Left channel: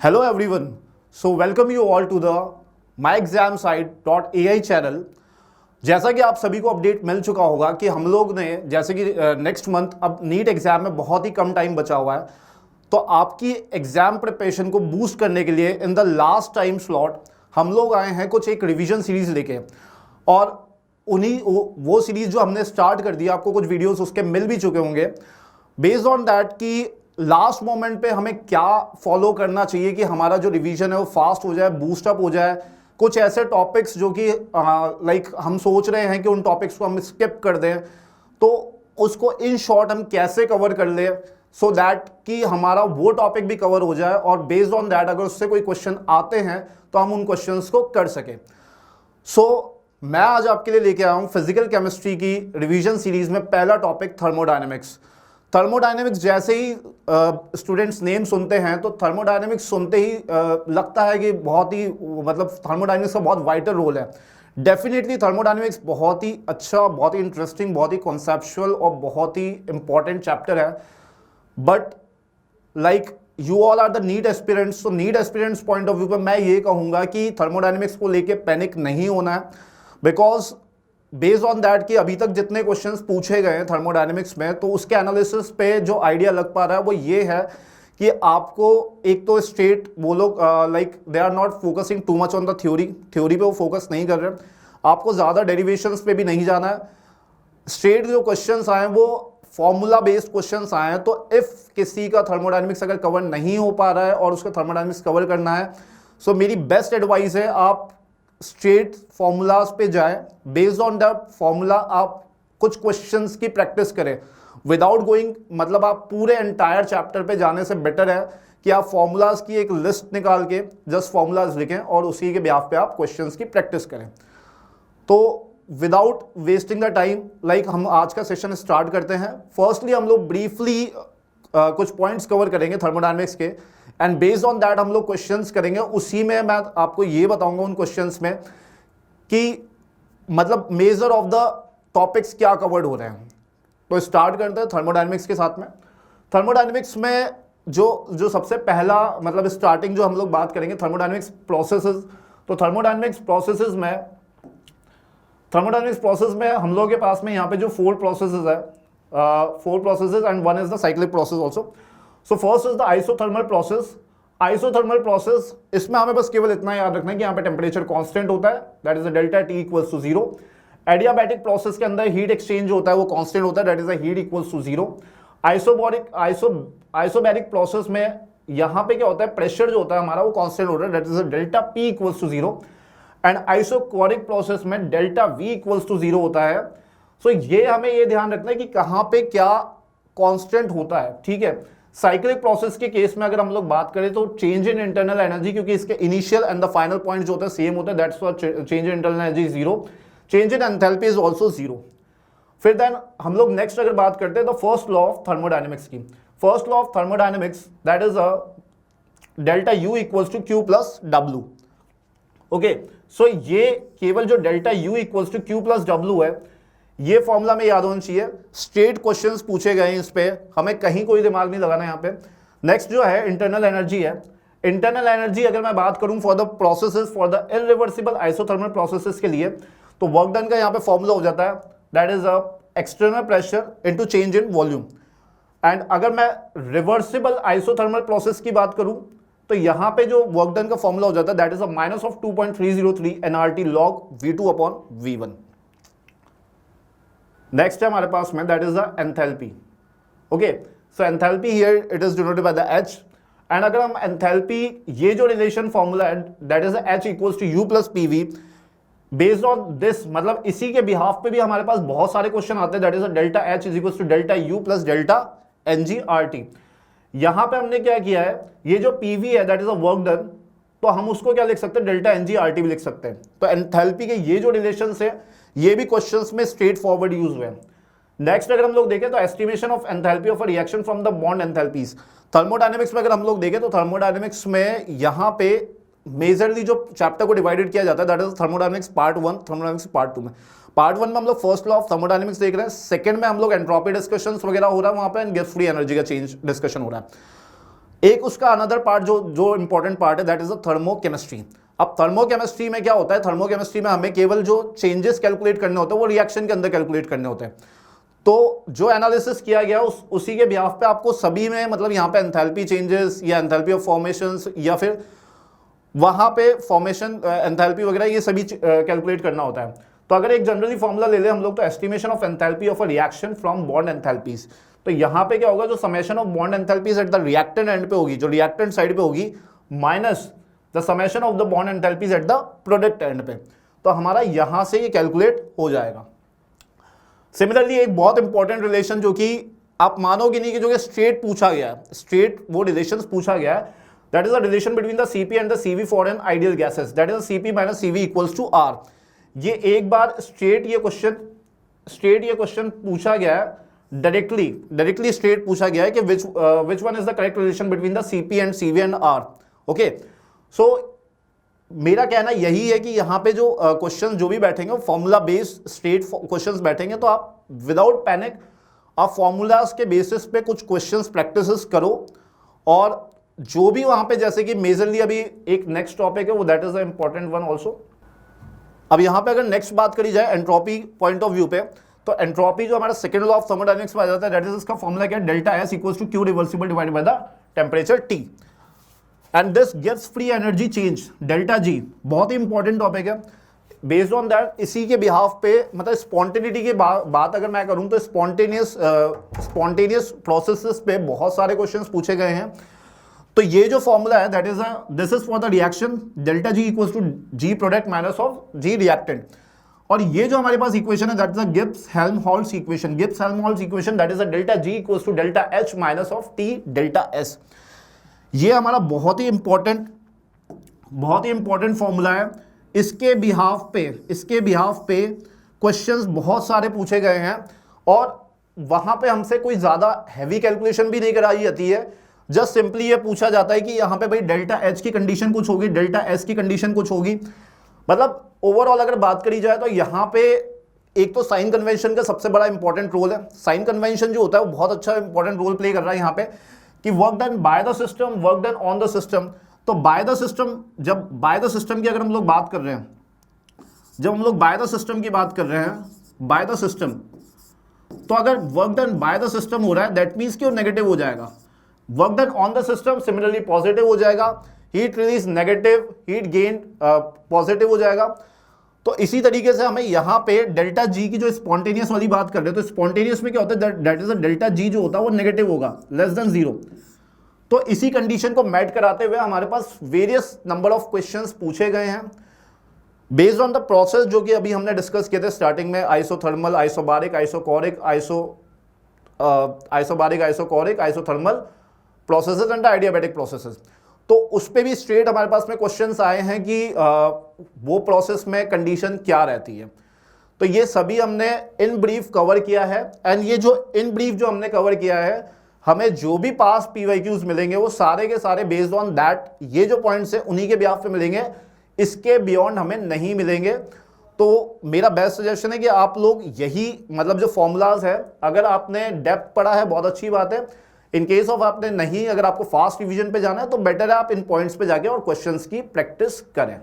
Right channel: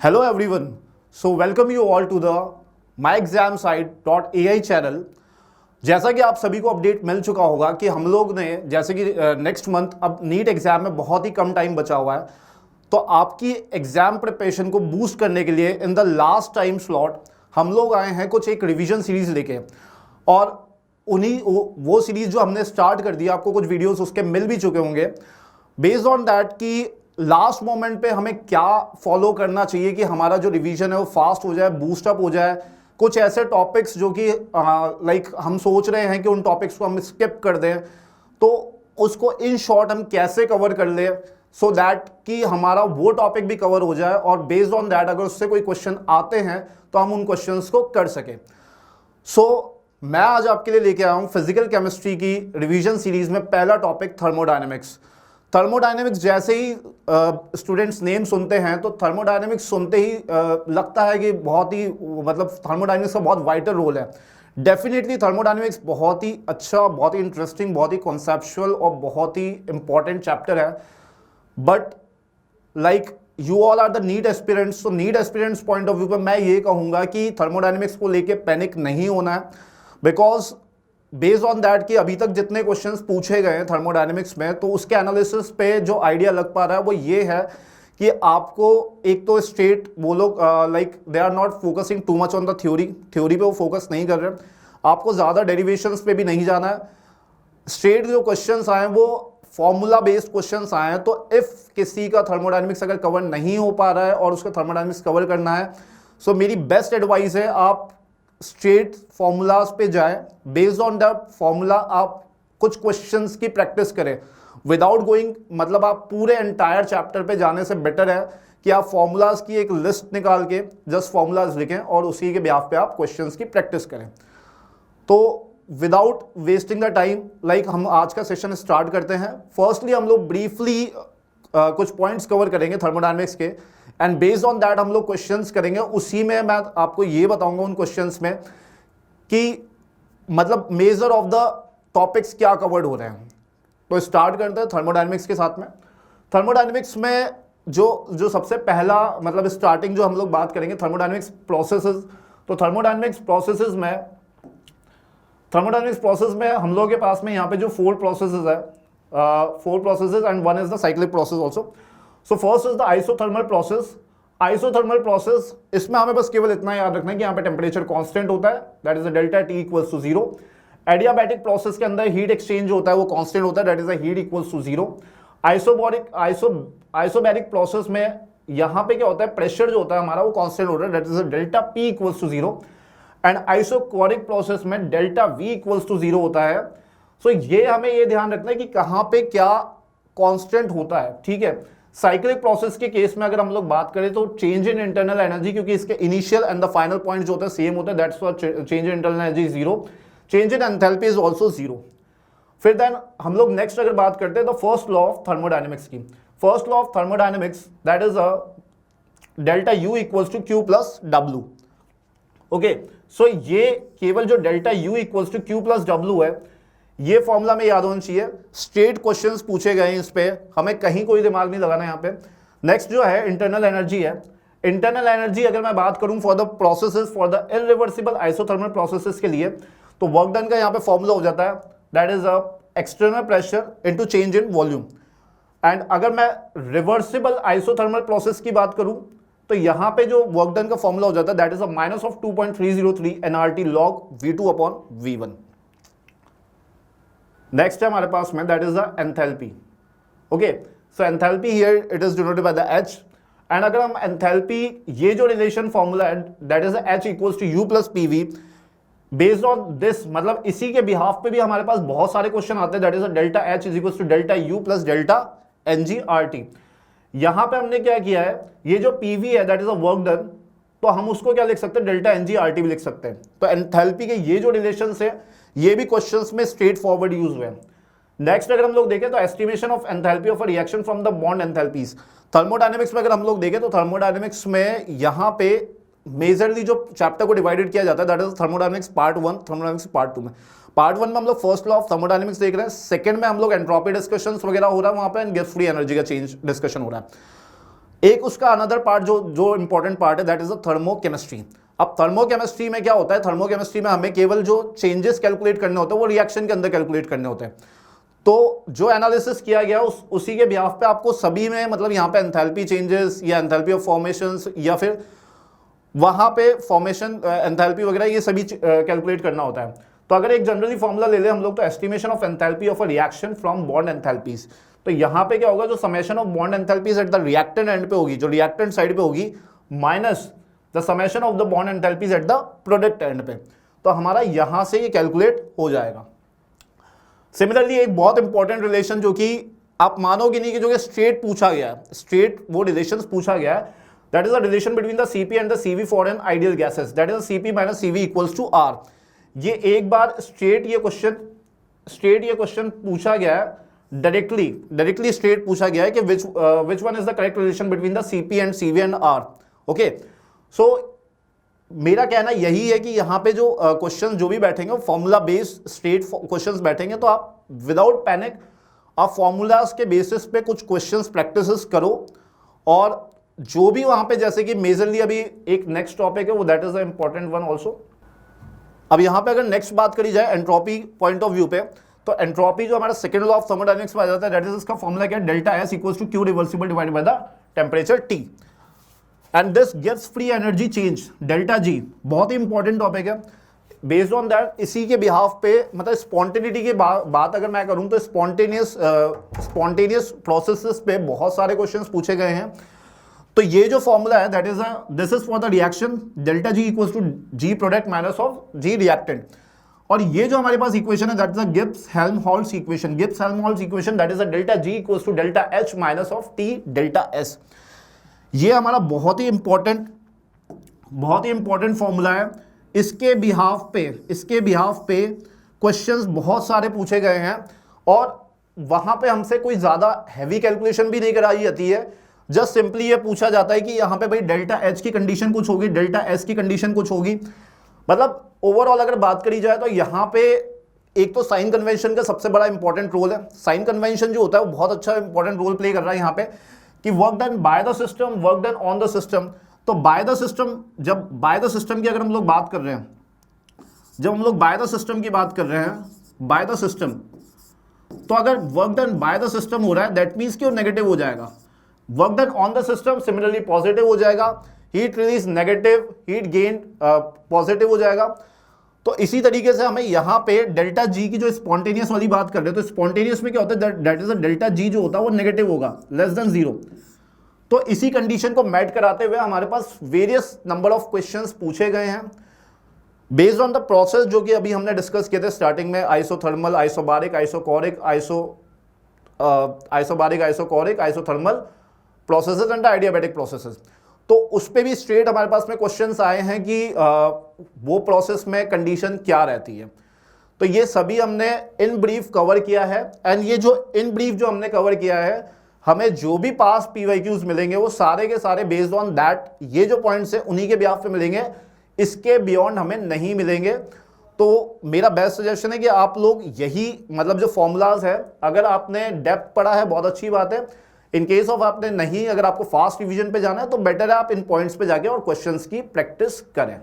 Hello everyone. So welcome you all to the myexamsite.ai channel. जैसा कि आप सभी को अपडेट मिल चुका होगा कि हम लोग ने जैसे कि नेक्स्ट मंथ अब नीट एग्जाम में बहुत ही कम टाइम बचा हुआ है, तो आपकी एग्जाम प्रिपरेशन को बूस्ट करने के लिए in the last time slot हम लोग आए हैं कुछ एक रिवीजन सीरीज लेके। और उन्हीं वो सीरीज जो हमने स्टार्ट कर दी, आपको कुछ वीडियोस उसके मिल भी चुके होंगे। बेस्ड ऑन दैट कि लास्ट मोमेंट पे हमें क्या फॉलो करना चाहिए कि हमारा जो रिवीजन है वो फास्ट हो जाए, बूस्टअप हो जाए। कुछ ऐसे टॉपिक्स जो कि लाइक हम सोच रहे हैं कि उन टॉपिक्स को हम स्किप कर दें, तो उसको इन शॉर्ट हम कैसे कवर कर ले सो दैट कि हमारा वो टॉपिक भी कवर हो जाए और बेस्ड ऑन दैट अगर उससे कोई क्वेश्चन आते हैं तो हम उन क्वेश्चंस को कर सकें। मैं आज आपके लिए लेके आया हूं फिजिकल केमिस्ट्री की रिवीजन सीरीज में पहला टॉपिक थर्मोडायनेमिक्स। थर्मोडायनेमिक्स जैसे ही स्टूडेंट्स नेम सुनते हैं तो थर्मोडायनेमिक्स सुनते ही लगता है कि बहुत ही मतलब थर्मोडायनेमिक्स का बहुत वाइटल रोल है। डेफिनेटली थर्मोडायनेमिक्स बहुत ही अच्छा, बहुत ही इंटरेस्टिंग, बहुत ही कॉन्सेप्चुअल और बहुत ही इंपॉर्टेंट चैप्टर है। But like you all are the NEET aspirants, तो NEET aspirants point of view पर मैं ये कहूँगा कि थर्मोडायनेमिक्स को लेके पैनिक नहीं होना है, बिकॉज बेस्ड ऑन दैट कि अभी तक जितने क्वेश्चंस पूछे गए हैं थर्मोडायनेमिक्स में, तो उसके एनालिसिस पे जो आइडिया लग पा रहा है वो ये है कि आपको एक तो स्ट्रेट वो लोग like they are not focusing too much on the theory पे वो फोकस नहीं कर रहे हैं। आपको ज़्यादा डेरिवेशंस पे भी नहीं जाना है। स्ट्रेट जो क्वेश्चंस आए वो फॉर्मूला बेस्ड क्वेश्चंस आए हैं। तो इफ़ किसी का थर्मोडायनेमिक्स अगर कवर नहीं हो पा रहा है और उसका थर्मोडायनेमिक्स कवर करना है, सो मेरी बेस्ट एडवाइस है आप स्ट्रेट फॉर्मूलाज पे जाएं। बेस्ड ऑन द फॉर्मूला आप कुछ क्वेश्चंस की प्रैक्टिस करें विदाउट गोइंग, मतलब आप पूरे एंटायर चैप्टर पे जाने से बेटर है कि आप फॉर्मूलाज की एक लिस्ट निकाल के जस्ट फॉर्मूलाज लिखें और उसी के बिहाफ पे आप क्वेश्चंस की प्रैक्टिस करें। तो without wasting the time like हम आज का सेशन स्टार्ट करते हैं। फर्स्टली हम लोग ब्रीफली कुछ पॉइंट्स कवर करेंगे थर्मोडायनेमिक्स के, एंड बेस्ड ऑन दैट हम लोग क्वेश्चंस करेंगे। उसी में मैं आपको ये बताऊंगा उन क्वेश्चंस में कि मतलब मेजर ऑफ द टॉपिक्स क्या कवर्ड हो रहे हैं। तो स्टार्ट करते हैं थर्मोडायनेमिक्स के साथ में। थर्मोडायनेमिक्स में जो सबसे पहला मतलब स्टार्टिंग जो हम लोग बात करेंगे थर्मोडायनेमिक्स प्रोसेसेस। तो थर्मोडायनेमिक्स प्रोसेस में हम लोग के पास में यहाँ पे जो 4 प्रोसेसेस है, 4 processes and one is the cyclic process also. So first is the isothermal process. Isothermal process, इसमें हमें बस केवल इतना याद रखना है कि यहाँ पे टेम्परेचर कांस्टेंट होता है, that is delta T equals to 0। Adiabatic process के अंदर हीट एक्सचेंज होता है वो कांस्टेंट होता है, that is heat equals to 0। Isobaric process में यहाँ पे क्या होता है, प्रेशर जो होता है हमारा वो कांस्टेंट होता है, that is delta P equals to 0। And isochoric process में डेल्टा वी इक्वल्स टू 0 होता है। सो ये हमें ये ध्यान रखना है कि कहाँ पे क्या कांस्टेंट होता है, ठीक है। साइक्लिक प्रोसेस के केस में अगर हम लोग बात करें तो चेंज इन इंटरनल एनर्जी, क्योंकि इसके initial and the final point जो होता है सेम होता है, that's why change in internal energy 0, change in enthalpy is also 0। फिर देन हम लोग नेक्स्ट अगर बात करते हैं तो फर्स्ट लॉ ऑफ थर्मोडायनेमिक्स की। First law of thermodynamics that is delta U equals to Q plus W. Okay, so ये केवल जो delta U equals to Q plus W है, ये फॉर्मूला में याद होना चाहिए। स्ट्रेट क्वेश्चंस पूछे गए हैं इस पे, हमें कहीं कोई दिमाग नहीं लगाना यहाँ पे। नेक्स्ट जो है इंटरनल एनर्जी है। इंटरनल एनर्जी अगर मैं बात करूं for the processes, for the irreversible isothermal processes के लिए, तो वर्क डन का यहाँ पे फॉर्मूला हो जाता है, that is external pressure into change in volume. And अगर मैं रिवर्सिबल आइसोथर्मल प्रोसेस की बात करूं तो यहाँ पे जो वर्क डन का फॉर्मूला हो जाता है, that is minus of 2.303 NRT log V2 upon V1। Next है हमारे पास में that is the enthalpy. Okay, so enthalpy here it is denoted by the H। And अगर हम एंथैल्पी, ये जो रिलेशन फॉर्मूला है that is H equals to U plus PV। Based on this, मतलब इसी के बिहाफ पे भी हमारे पास बहुत सारे क्वेश्चन आते हैं, that is delta H is equals to delta U plus delta NG/RT। यहां पे हमने क्या किया है, ये जो PV है that is a work done, तो हम उसको क्या लिख सकते हैं, डेल्टा NG/RT भी लिख सकते हैं। तो एंथैल्पी के ये जो रिलेशंस है ये भी क्वेश्चंस में स्ट्रेट फॉरवर्ड यूज हुए हैं। नेक्स्ट अगर हम लोग देखें तो estimation of enthalpy of a reaction from the bond enthalpies. Thermodynamics में अगर हम लोग देखें तो थर्मोडायनेमिक्स में यहाँ पे मेजरली जो चैप्टर को डिवाइडेड किया जाता है that is thermodynamics part 1, thermodynamics part 2 में। पार्ट 1 में हम लोग फर्स्ट लॉ ऑफ थर्मोडायनेमिक्स देख रहे हैं, सेकंड में हम लोग एंट्रोपी डिस्कशंस वगैरह हो रहा है वहां पे, एंड गिब्स फ्री एनर्जी का चेंज डिस्कशन हो रहा है। एक उसका अनदर पार्ट जो इंपॉर्टेंट पार्ट है दैट इज द थर्मोकेमिस्ट्री। अब थर्मोकेमिस्ट्री में क्या होता है, थर्मोकेमिस्ट्री में हमें केवल जो चेंजेस कैलकुलेट करने होते हैं वो रिएक्शन के अंदर कैलकुलेट करने होते हैं। तो जो एनालिसिस किया गया उसी के बिहाफ पे आपको सभी में, मतलब यहाँ पे एंथैल्पी चेंजेस या एंथैल्पी ऑफ फॉर्मेशंस या फिर वहाँ पे फॉर्मेशन एंथैल्पी वगैरह ये सभी कैलकुलेट करना होता है। तो अगर एक जनरली फॉर्मूला ले ले हम लोग, तो estimation of enthalpy of a reaction from bond enthalpies. तो यहाँ पे क्या होगा, जो summation of bond enthalpies at the reactant and पे होगी, जो रिएक्टेंट साइड पे होगी, minus the summation of the bond enthalpies at the product and पे। तो हमारा यहाँ से ये कैलकुलेट हो जाएगा। सिमिलरली एक बहुत इंपॉर्टेंट रिलेशन जो कि आप मानोगे नहीं कि जो कि स्ट्रेट पूछा गया है, स्ट्रेट वो रिलेशन पूछा गया है, that is the relation between the CP and the CV for an ideal gases, that is CP minus CV equals to R. ये एक बार स्ट्रेट ये क्वेश्चन पूछा गया है, डायरेक्टली स्ट्रेट पूछा गया है कि which one is the correct relation between the CP and CV and R. Okay, so मेरा कहना यही है कि यहाँ पे जो क्वेश्चन जो भी बैठेंगे फॉर्मूला बेस्ड स्ट्रेट क्वेश्चंस बैठेंगे, तो आप विदाउट पैनिक आप फॉर्मूलाज के बेसिस पे कुछ क्वेश्चंस प्रैक्टिस करो। और जो भी वहाँ पे, जैसे कि मेजरली अभी एक नेक्स्ट टॉपिक है वो that is the important one also. अब यहाँ पे अगर नेक्स्ट बात करी जाए एंट्रोपी पॉइंट ऑफ व्यू पे, तो एंट्रोपी जो हमारा सेकंड लॉ ऑफ थर्मोडायनेमिक्स में आ जाता है, दैट इज इसका फॉर्मूला क्या है, delta S equals to Q reversible divided by the temperature T and this gives free energy change delta G. बहुत ही इंपॉर्टेंट टॉपिक है। बेस्ड ऑन दैट, इसी के बिहाफ पे, मतलब स्पॉन्टेनिटी की बात अगर मैं करूं तो स्पॉन्टेनियस प्रोसेसेस पे बहुत सारे क्वेश्चंस पूछे गए हैं। तो ये जो फॉर्मूला है that is this is for the reaction delta G equals to G product minus of G reactant. और ये जो हमारे पास इक्वेशन है that is the Gibbs Helmholtz equation, that is the delta G equals to delta H minus of T delta S. ये हमारा बहुत ही इंपॉर्टेंट फॉर्मूला है। इसके बिहाफ पे क्वेश्चंस बहुत सारे पूछे गए हैं और वहां पे हमसे कोई ज्यादा हैवी कैलकुलेशन भी नहीं कराई जाती है। जस्ट सिंपली ये पूछा जाता है कि यहाँ पे भाई डेल्टा एच की कंडीशन कुछ होगी, डेल्टा एस की कंडीशन कुछ होगी। मतलब ओवरऑल अगर बात करी जाए तो यहाँ पे एक तो साइन कन्वेंशन का सबसे बड़ा इंपॉर्टेंट रोल है। साइन कन्वेंशन जो होता है वो बहुत अच्छा इंपॉर्टेंट रोल प्ले कर रहा है यहाँ पे, कि work done by the system, work done on the system. तो बाय द सिस्टम, जब बाय द सिस्टम की अगर हम लोग बात कर रहे हैं, बाय द सिस्टम, तो अगर work done by the system हो रहा है दैट मीन्स कि वो नेगेटिव हो जाएगा। Work done on the system similarly positive हो जाएगा। Heat release negative, heat gain positive हो जाएगा। तो इसी तरीके से हमें यहाँ पे डेल्टा जी की जो स्पॉन्टेनियस वाली बात कर रहे हैं, तो स्पॉन्टेनियस में क्या होता है, दैट इज डेल्टा जी जो होता है वो नेगेटिव होगा, लेस देन 0। तो इसी कंडीशन को मैट कराते हुए हमारे पास वेरियस नंबर ऑफ क्वेश्चंस पूछे गए हैं बेस्ड ऑन द प्रोसेस जो कि अभी हमने डिस्कस किए थे स्टार्टिंग में, isothermal, isobaric, isochoric, isochoric, isothermal processes and adiabatic processes. तो उस पे भी स्ट्रेट हमारे पास में क्वेश्चंस आए हैं कि वो प्रोसेस में कंडीशन क्या रहती है। तो ये सभी हमने इन ब्रीफ कवर किया है। एंड ये जो इन ब्रीफ जो हमने कवर किया है, हमें जो भी पास पीवाईक्यूज मिलेंगे वो सारे के सारे बेस्ड ऑन दैट, ये जो पॉइंट्स है उन्हीं के बिहाफ पे मिलेंगे, इसके बियॉन्ड हमें नहीं मिलेंगे। तो मेरा बेस्ट सजेशन है कि आप लोग यही, मतलब जो फॉर्मूलाज है, अगर आपने डेप्थ पढ़ा है बहुत अच्छी बात है। इन केस ऑफ आपने नहीं, अगर आपको फास्ट रिवीजन पे जाना है तो बेटर है आप इन पॉइंट्स पे जाके और क्वेश्चंस की प्रैक्टिस करें।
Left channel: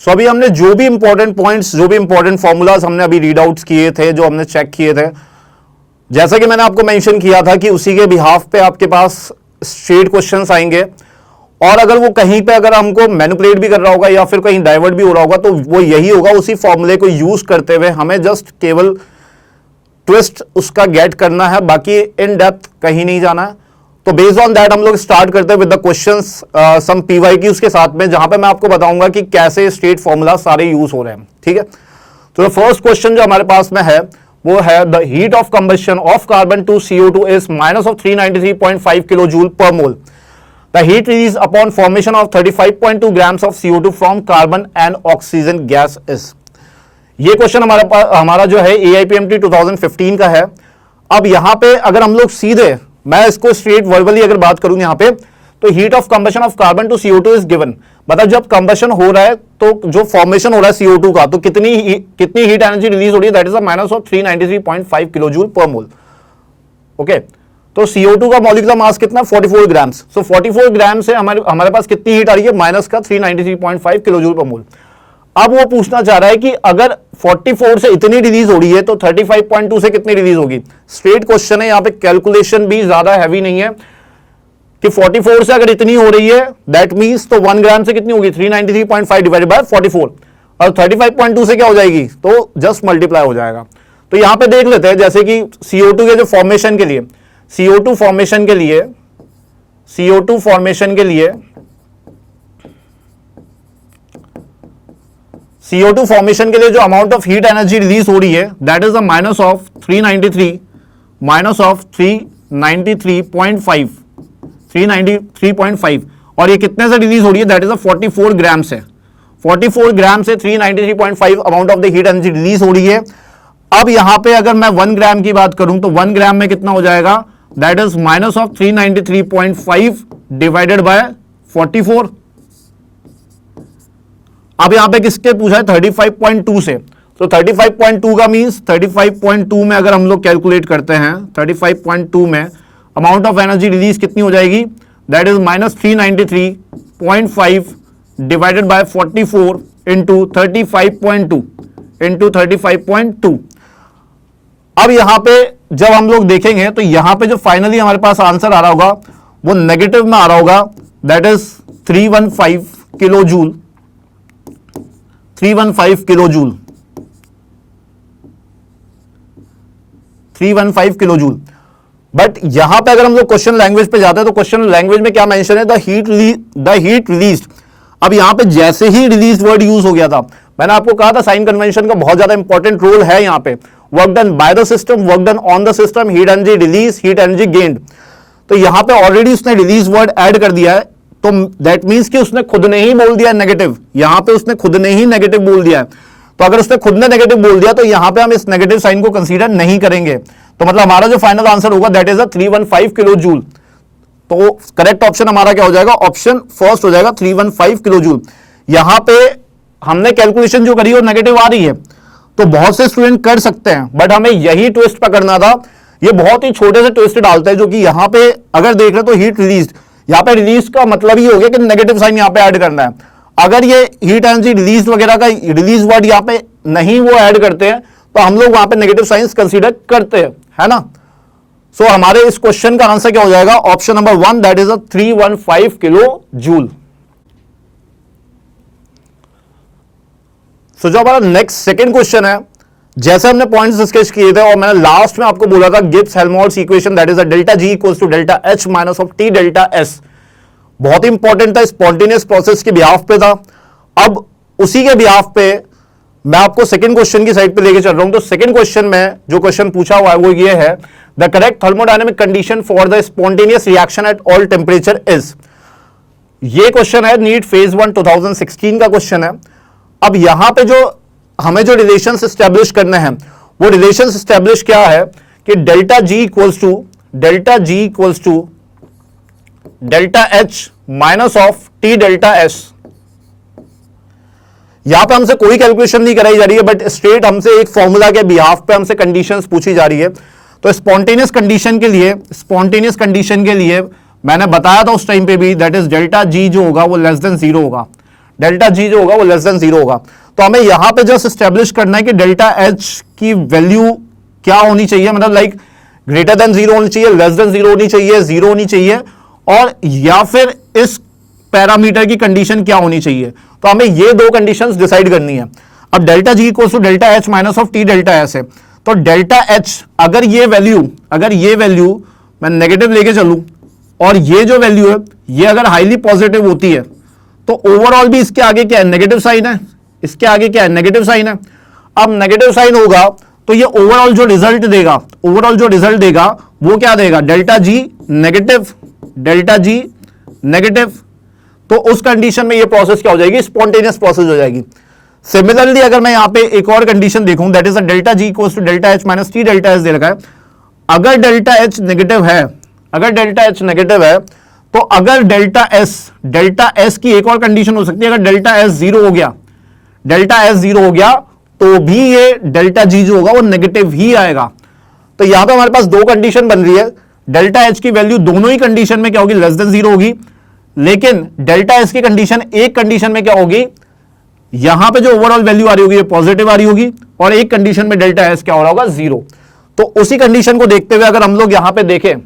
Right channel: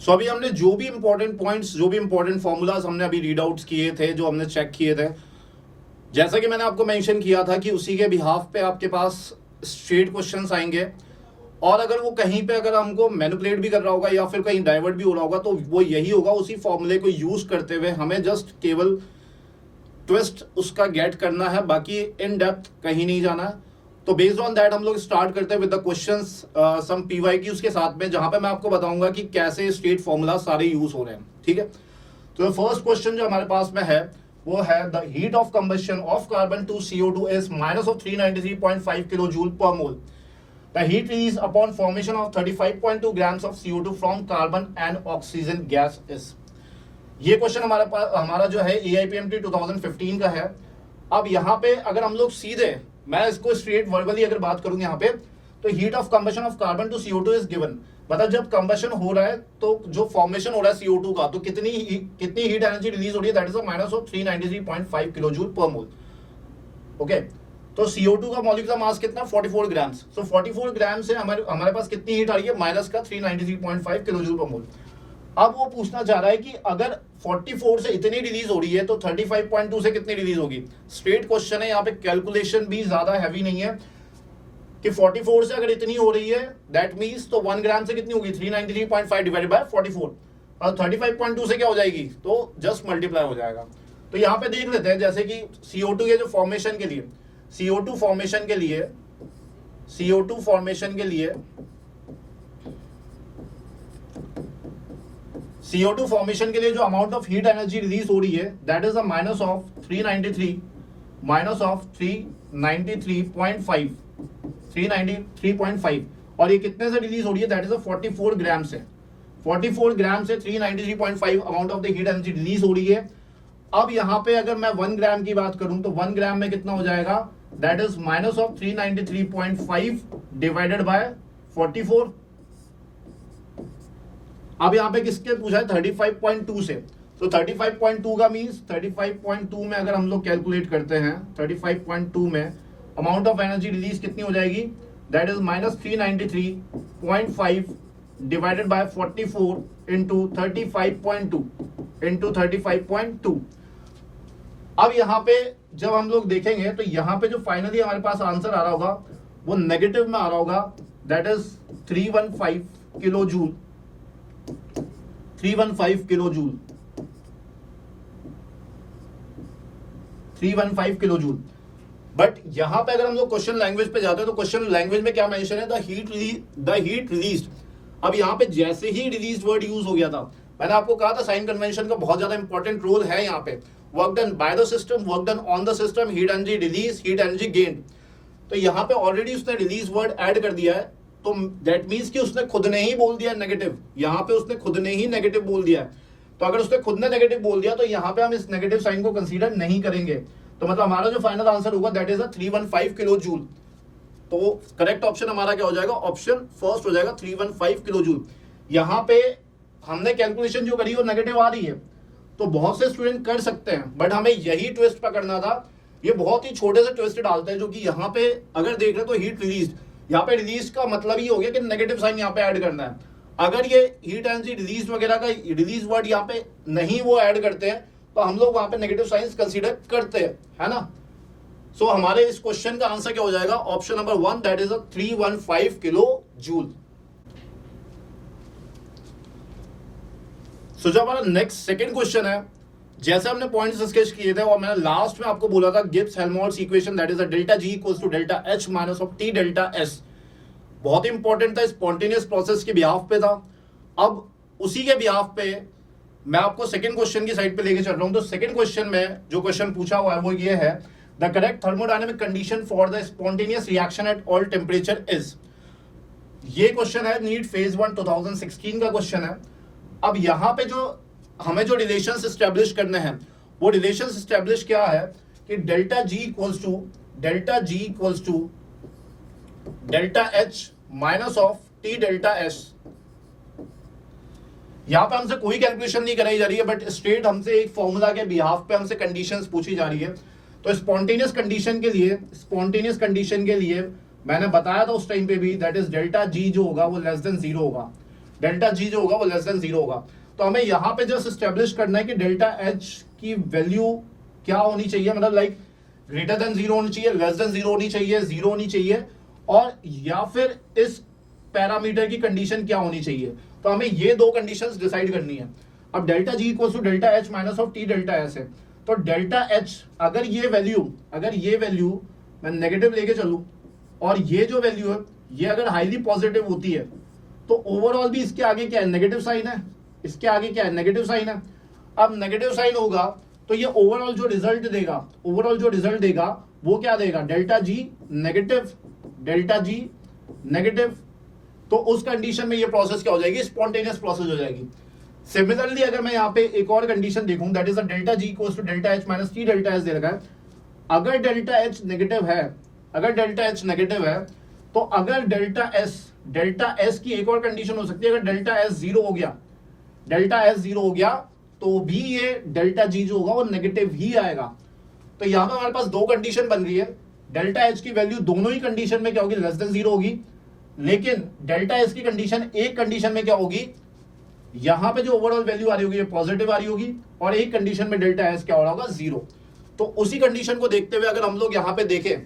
सो अभी हमने जो भी इंपॉर्टेंट पॉइंट्स, जो भी इंपॉर्टेंट फॉर्मूलाज हमने अभी रीड आउट्स किए थे, जो हमने चेक किए थे, जैसा कि मैंने आपको मेंशन किया था कि उसी के बिहाफ पे आपके पास स्ट्रेट क्वेश्चंस आएंगे। और अगर वो कहीं पे अगर हमको मैनिपुलेट भी कर रहा होगा या फिर कहीं डाइवर्ट भी हो रहा होगा, तो वो यही होगा, उसी फॉर्मूले को यूज करते हुए हमें जस्ट केवल ट्विस्ट उसका गेट करना है, बाकी इन डेप्थ कहीं नहीं जाना है। तो बेस्ड ऑन दैट हम लोग स्टार्ट करते हैं with the questions, some PYQs के साथ में, जहां पे मैं आपको बताऊंगा कि कैसे स्ट्रेट फॉर्मूला सारे यूज हो रहे हैं। ठीक है, तो फर्स्ट क्वेश्चन जो हमारे पास में है वो है the heat of combustion of carbon to CO2 is minus of 393.5 kilo joule per mole. The heat release upon formation of 35.2 grams of CO2 from carbon and oxygen gas is. ये question हमारा जो है AIPMT 2015 का है। अब यहां पे अगर हम लोग सीधे, मैं इसको स्ट्रेट वर्बली अगर बात करूं यहां पे, तो heat of combustion of carbon to CO2 is given. मतलब जब कंबशन हो रहा है तो जो फॉर्मेशन हो रहा है CO2 का, तो कितनी हीट एनर्जी रिलीज हो रही है, that is a minus of 393.5 kilo joule per mole. Okay, तो CO2 का मॉलिक्यूलर मास कितना, 44 ग्राम्स। सो 44 ग्राम से हमारे पास कितनी हीट आ रही है, माइनस का 393.5 किलो जूल पर मोल। अब वो पूछना चाह रहा है कि अगर 44 से इतनी रिलीज हो रही है तो 35.2 से कितनी रिलीज होगी। स्ट्रेट क्वेश्चन है, यहां पे कैलकुलेशन भी ज्यादा हैवी नहीं है कि 44 से अगर इतनी हो रही है दैट मींस तो 1 ग्राम से कितनी होगी, 393.5 डिवाइडेड बाय 44, और 35.2 से क्या हो जाएगी, तो जस्ट मल्टीप्लाई हो जाएगा। तो यहां पे देख लेते हैं, जैसे कि CO2 के जो फॉर्मेशन के लिए, CO2 फॉर्मेशन के लिए जो amount of heat energy release हो रही है that is the minus of 393.5, और ये कितने से रिलीज हो रही है, दैट इज 44 ग्राम से। 44 ग्राम से 393.5 amount of the heat energy release हो रही है। अब यहां पे अगर मैं 1 ग्राम की बात करूं तो 1 ग्राम में कितना हो जाएगा, that is minus of 393.5 divided by 44। अब यहां पे किसके पूछा है, 35.2 से। तो 35.2 का मींस 35.2 में अगर हम लोग कैलकुलेट करते हैं, 35.2 में अमाउंट ऑफ एनर्जी रिलीज कितनी हो जाएगी, that is minus 393.5 divided by 44 into 35.2। अब यहां पे जब हम लोग देखेंगे तो यहां पे जो फाइनली हमारे पास आंसर आ रहा होगा वो नेगेटिव में आ रहा होगा, that is 315 kilo joule. 315 kilo joule. But यहां पे अगर हम लोग क्वेश्चन लैंग्वेज पे जाते हैं तो क्वेश्चन लैंग्वेज में क्या मेंशन है, द हीट रिलीज्ड। अब यहां पे जैसे ही रिलीज वर्ड यूज हो गया था, मैंने आपको कहा था साइन कन्वेंशन का बहुत ज्यादा इंपॉर्टेंट रोल है यहां पे। Work done by the system, work done on the system, heat energy release, heat energy gained. तो यहां पे ऑलरेडी उसने रिलीज वर्ड ऐड कर दिया है, तो दैट मींस कि उसने खुद ने ही बोल दिया नेगेटिव। यहां पे उसने खुद ने ही नेगेटिव बोल दिया है। तो अगर उसने खुद ने नेगेटिव बोल दिया तो यहां पे हम इस नेगेटिव साइन को कंसीडर नहीं करेंगे। तो मतलब हमारा जो फाइनल आंसर होगा दैट इज 315 किलो जूल। तो करेक्ट ऑप्शन हमारा क्या हो जाएगा, ऑप्शन फर्स्ट हो जाएगा, 315 किलो जूल। यहां पे हमने कैलकुलेशन जो करी वो नेगेटिव आ रही है, तो बहुत से स्टूडेंट कर सकते हैं, बट हमें यही ट्विस्ट पकड़ना था। ये बहुत ही छोटे से ट्विस्ट डालते हैं, जो कि यहां पे अगर देख रहे तो हीट रिलीज, यहां पे रिलीज का मतलब ही हो गया कि नेगेटिव साइन यहां पे ऐड करना है। अगर ये हीट एनर्जी रिलीज वगैरह का रिलीज वर्ड यहां पे नहीं वो ऐड करते हैं तो हम लोग वहां पे नेगेटिव साइंस कंसीडर करते हैं, है ना। सो हमारे इस क्वेश्चन का आंसर क्या हो जाएगा, option number 1, that is 315 kilo joule. So जो हमारा नेक्स्ट सेकंड क्वेश्चन है, जैसे हमने पॉइंट्स डिस्कस किए थे और मैंने लास्ट में आपको बोला था Gibbs Helmholtz equation that is delta G equals to delta H minus of T delta S. बहुत इंपॉर्टेंट था, स्पॉन्टेनियस प्रोसेस के बिहाफ पे था। अब उसी के बिहाफ पे मैं आपको सेकंड क्वेश्चन की साइड पे लेके चल रहा हूं। तो सेकंड क्वेश्चन में जो क्वेश्चन पूछा हुआ है वो ये है, the correct thermodynamic condition for the spontaneous reaction at all temperature is. ये क्वेश्चन है नीट फेज 1 2016 का क्वेश्चन है। अब यहां पे जो हमें जो रिलेशंस एस्टेब्लिश करने हैं वो रिलेशंस एस्टेब्लिश क्या है कि delta G equals to delta H minus of T delta S. यहां पे हमसे कोई कैलकुलेशन नहीं कराई जा रही है, बट स्ट्रेट हमसे एक फॉर्मूला के बिहाफ पे हमसे कंडीशंस पूछी जा रही है। तो स्पॉन्टेनियस कंडीशन के लिए मैंने बताया था उस टाइम पे भी, दैट इज डेल्टा जी जो होगा वो लेस देन जीरो होगा। डेल्टा जी जो होगा वो लेस देन जीरो होगा। तो हमें यहां पे जस्ट एस्टेब्लिश करना है कि डेल्टा एच की वैल्यू क्या होनी चाहिए, मतलब लाइक ग्रेटर देन जीरो होनी चाहिए, लेस देन जीरो होनी चाहिए, जीरो होनी चाहिए, और या फिर इस पैरामीटर की कंडीशन क्या होनी चाहिए। तो हमें ये दो कंडीशंस डिसाइड करनी है। अब delta G equals to delta H minus of T delta S है। तो डेल्टा एच अगर ये वैल्यू मैं नेगेटिव लेके चलूं और ये जो वैल्यू है ये अगर हाईली पॉजिटिव होती है तो ओवरऑल भी इसके आगे क्या है, नेगेटिव साइन है। इसके आगे क्या है, नेगेटिव साइन है। अब नेगेटिव साइन होगा तो ये ओवरऑल जो रिजल्ट देगा वो क्या देगा, डेल्टा जी नेगेटिव। तो उस कंडीशन में ये प्रोसेस क्या हो जाएगी, स्पॉन्टेनियस प्रोसेस हो जाएगी। सिमिलरली अगर मैं यहां पे एक और कंडीशन देखूं, that is delta G equals to delta H minus T delta S दे रखा है। अगर डेल्टा एच नेगेटिव है तो अगर डेल्टा एस की एक और कंडीशन हो सकती है, अगर डेल्टा एस जीरो हो गया तो भी ये डेल्टा जी जो होगा वो नेगेटिव ही आएगा। तो यहां पे हमारे पास दो कंडीशन बन रही है, डेल्टा एच की वैल्यू दोनों ही कंडीशन में क्या होगी, लेस देन 0 होगी, लेकिन डेल्टा एस की कंडीशन, एक कंडीशन में क्या होगी, यहां पे जो ओवरऑल वैल्यू आ रही होगी ये पॉजिटिव आ रही होगी, और एक कंडीशन में डेल्टा एस क्या हो रहा होगा, 0। तो उसी कंडीशन को देखते हुए अगर हम लोग यहां पे देखें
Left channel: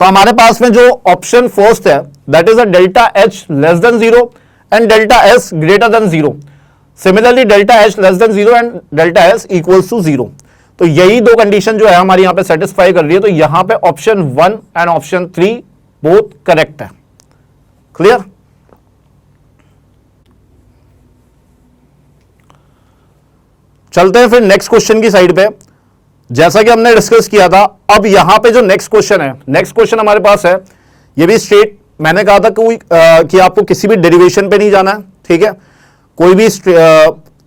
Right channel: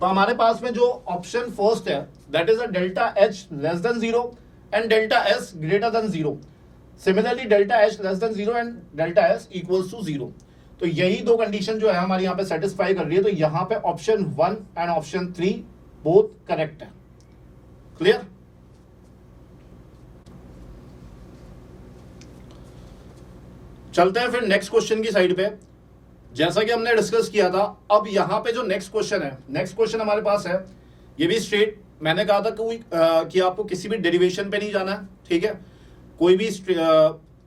तो हमारे पास में जो ऑप्शन फर्स्ट है that is a delta H less than 0 and delta S greater than 0। Similarly delta H less than 0 and delta S equals to 0। तो यही दो कंडीशन जो है हमारी यहां पे सेटिस्फाई कर रही है। तो यहां पे option 1 and option 3 both correct है। क्लियर? चलते हैं फिर नेक्स्ट क्वेश्चन की साइड पे। जैसा कि हमने डिस्कस किया था, अब यहां पे जो नेक्स्ट क्वेश्चन है, नेक्स्ट क्वेश्चन हमारे पास है, ये भी स्ट्रेट, मैंने कहा था कि आपको किसी भी डेरिवेशन पे नहीं जाना है, ठीक है। कोई भी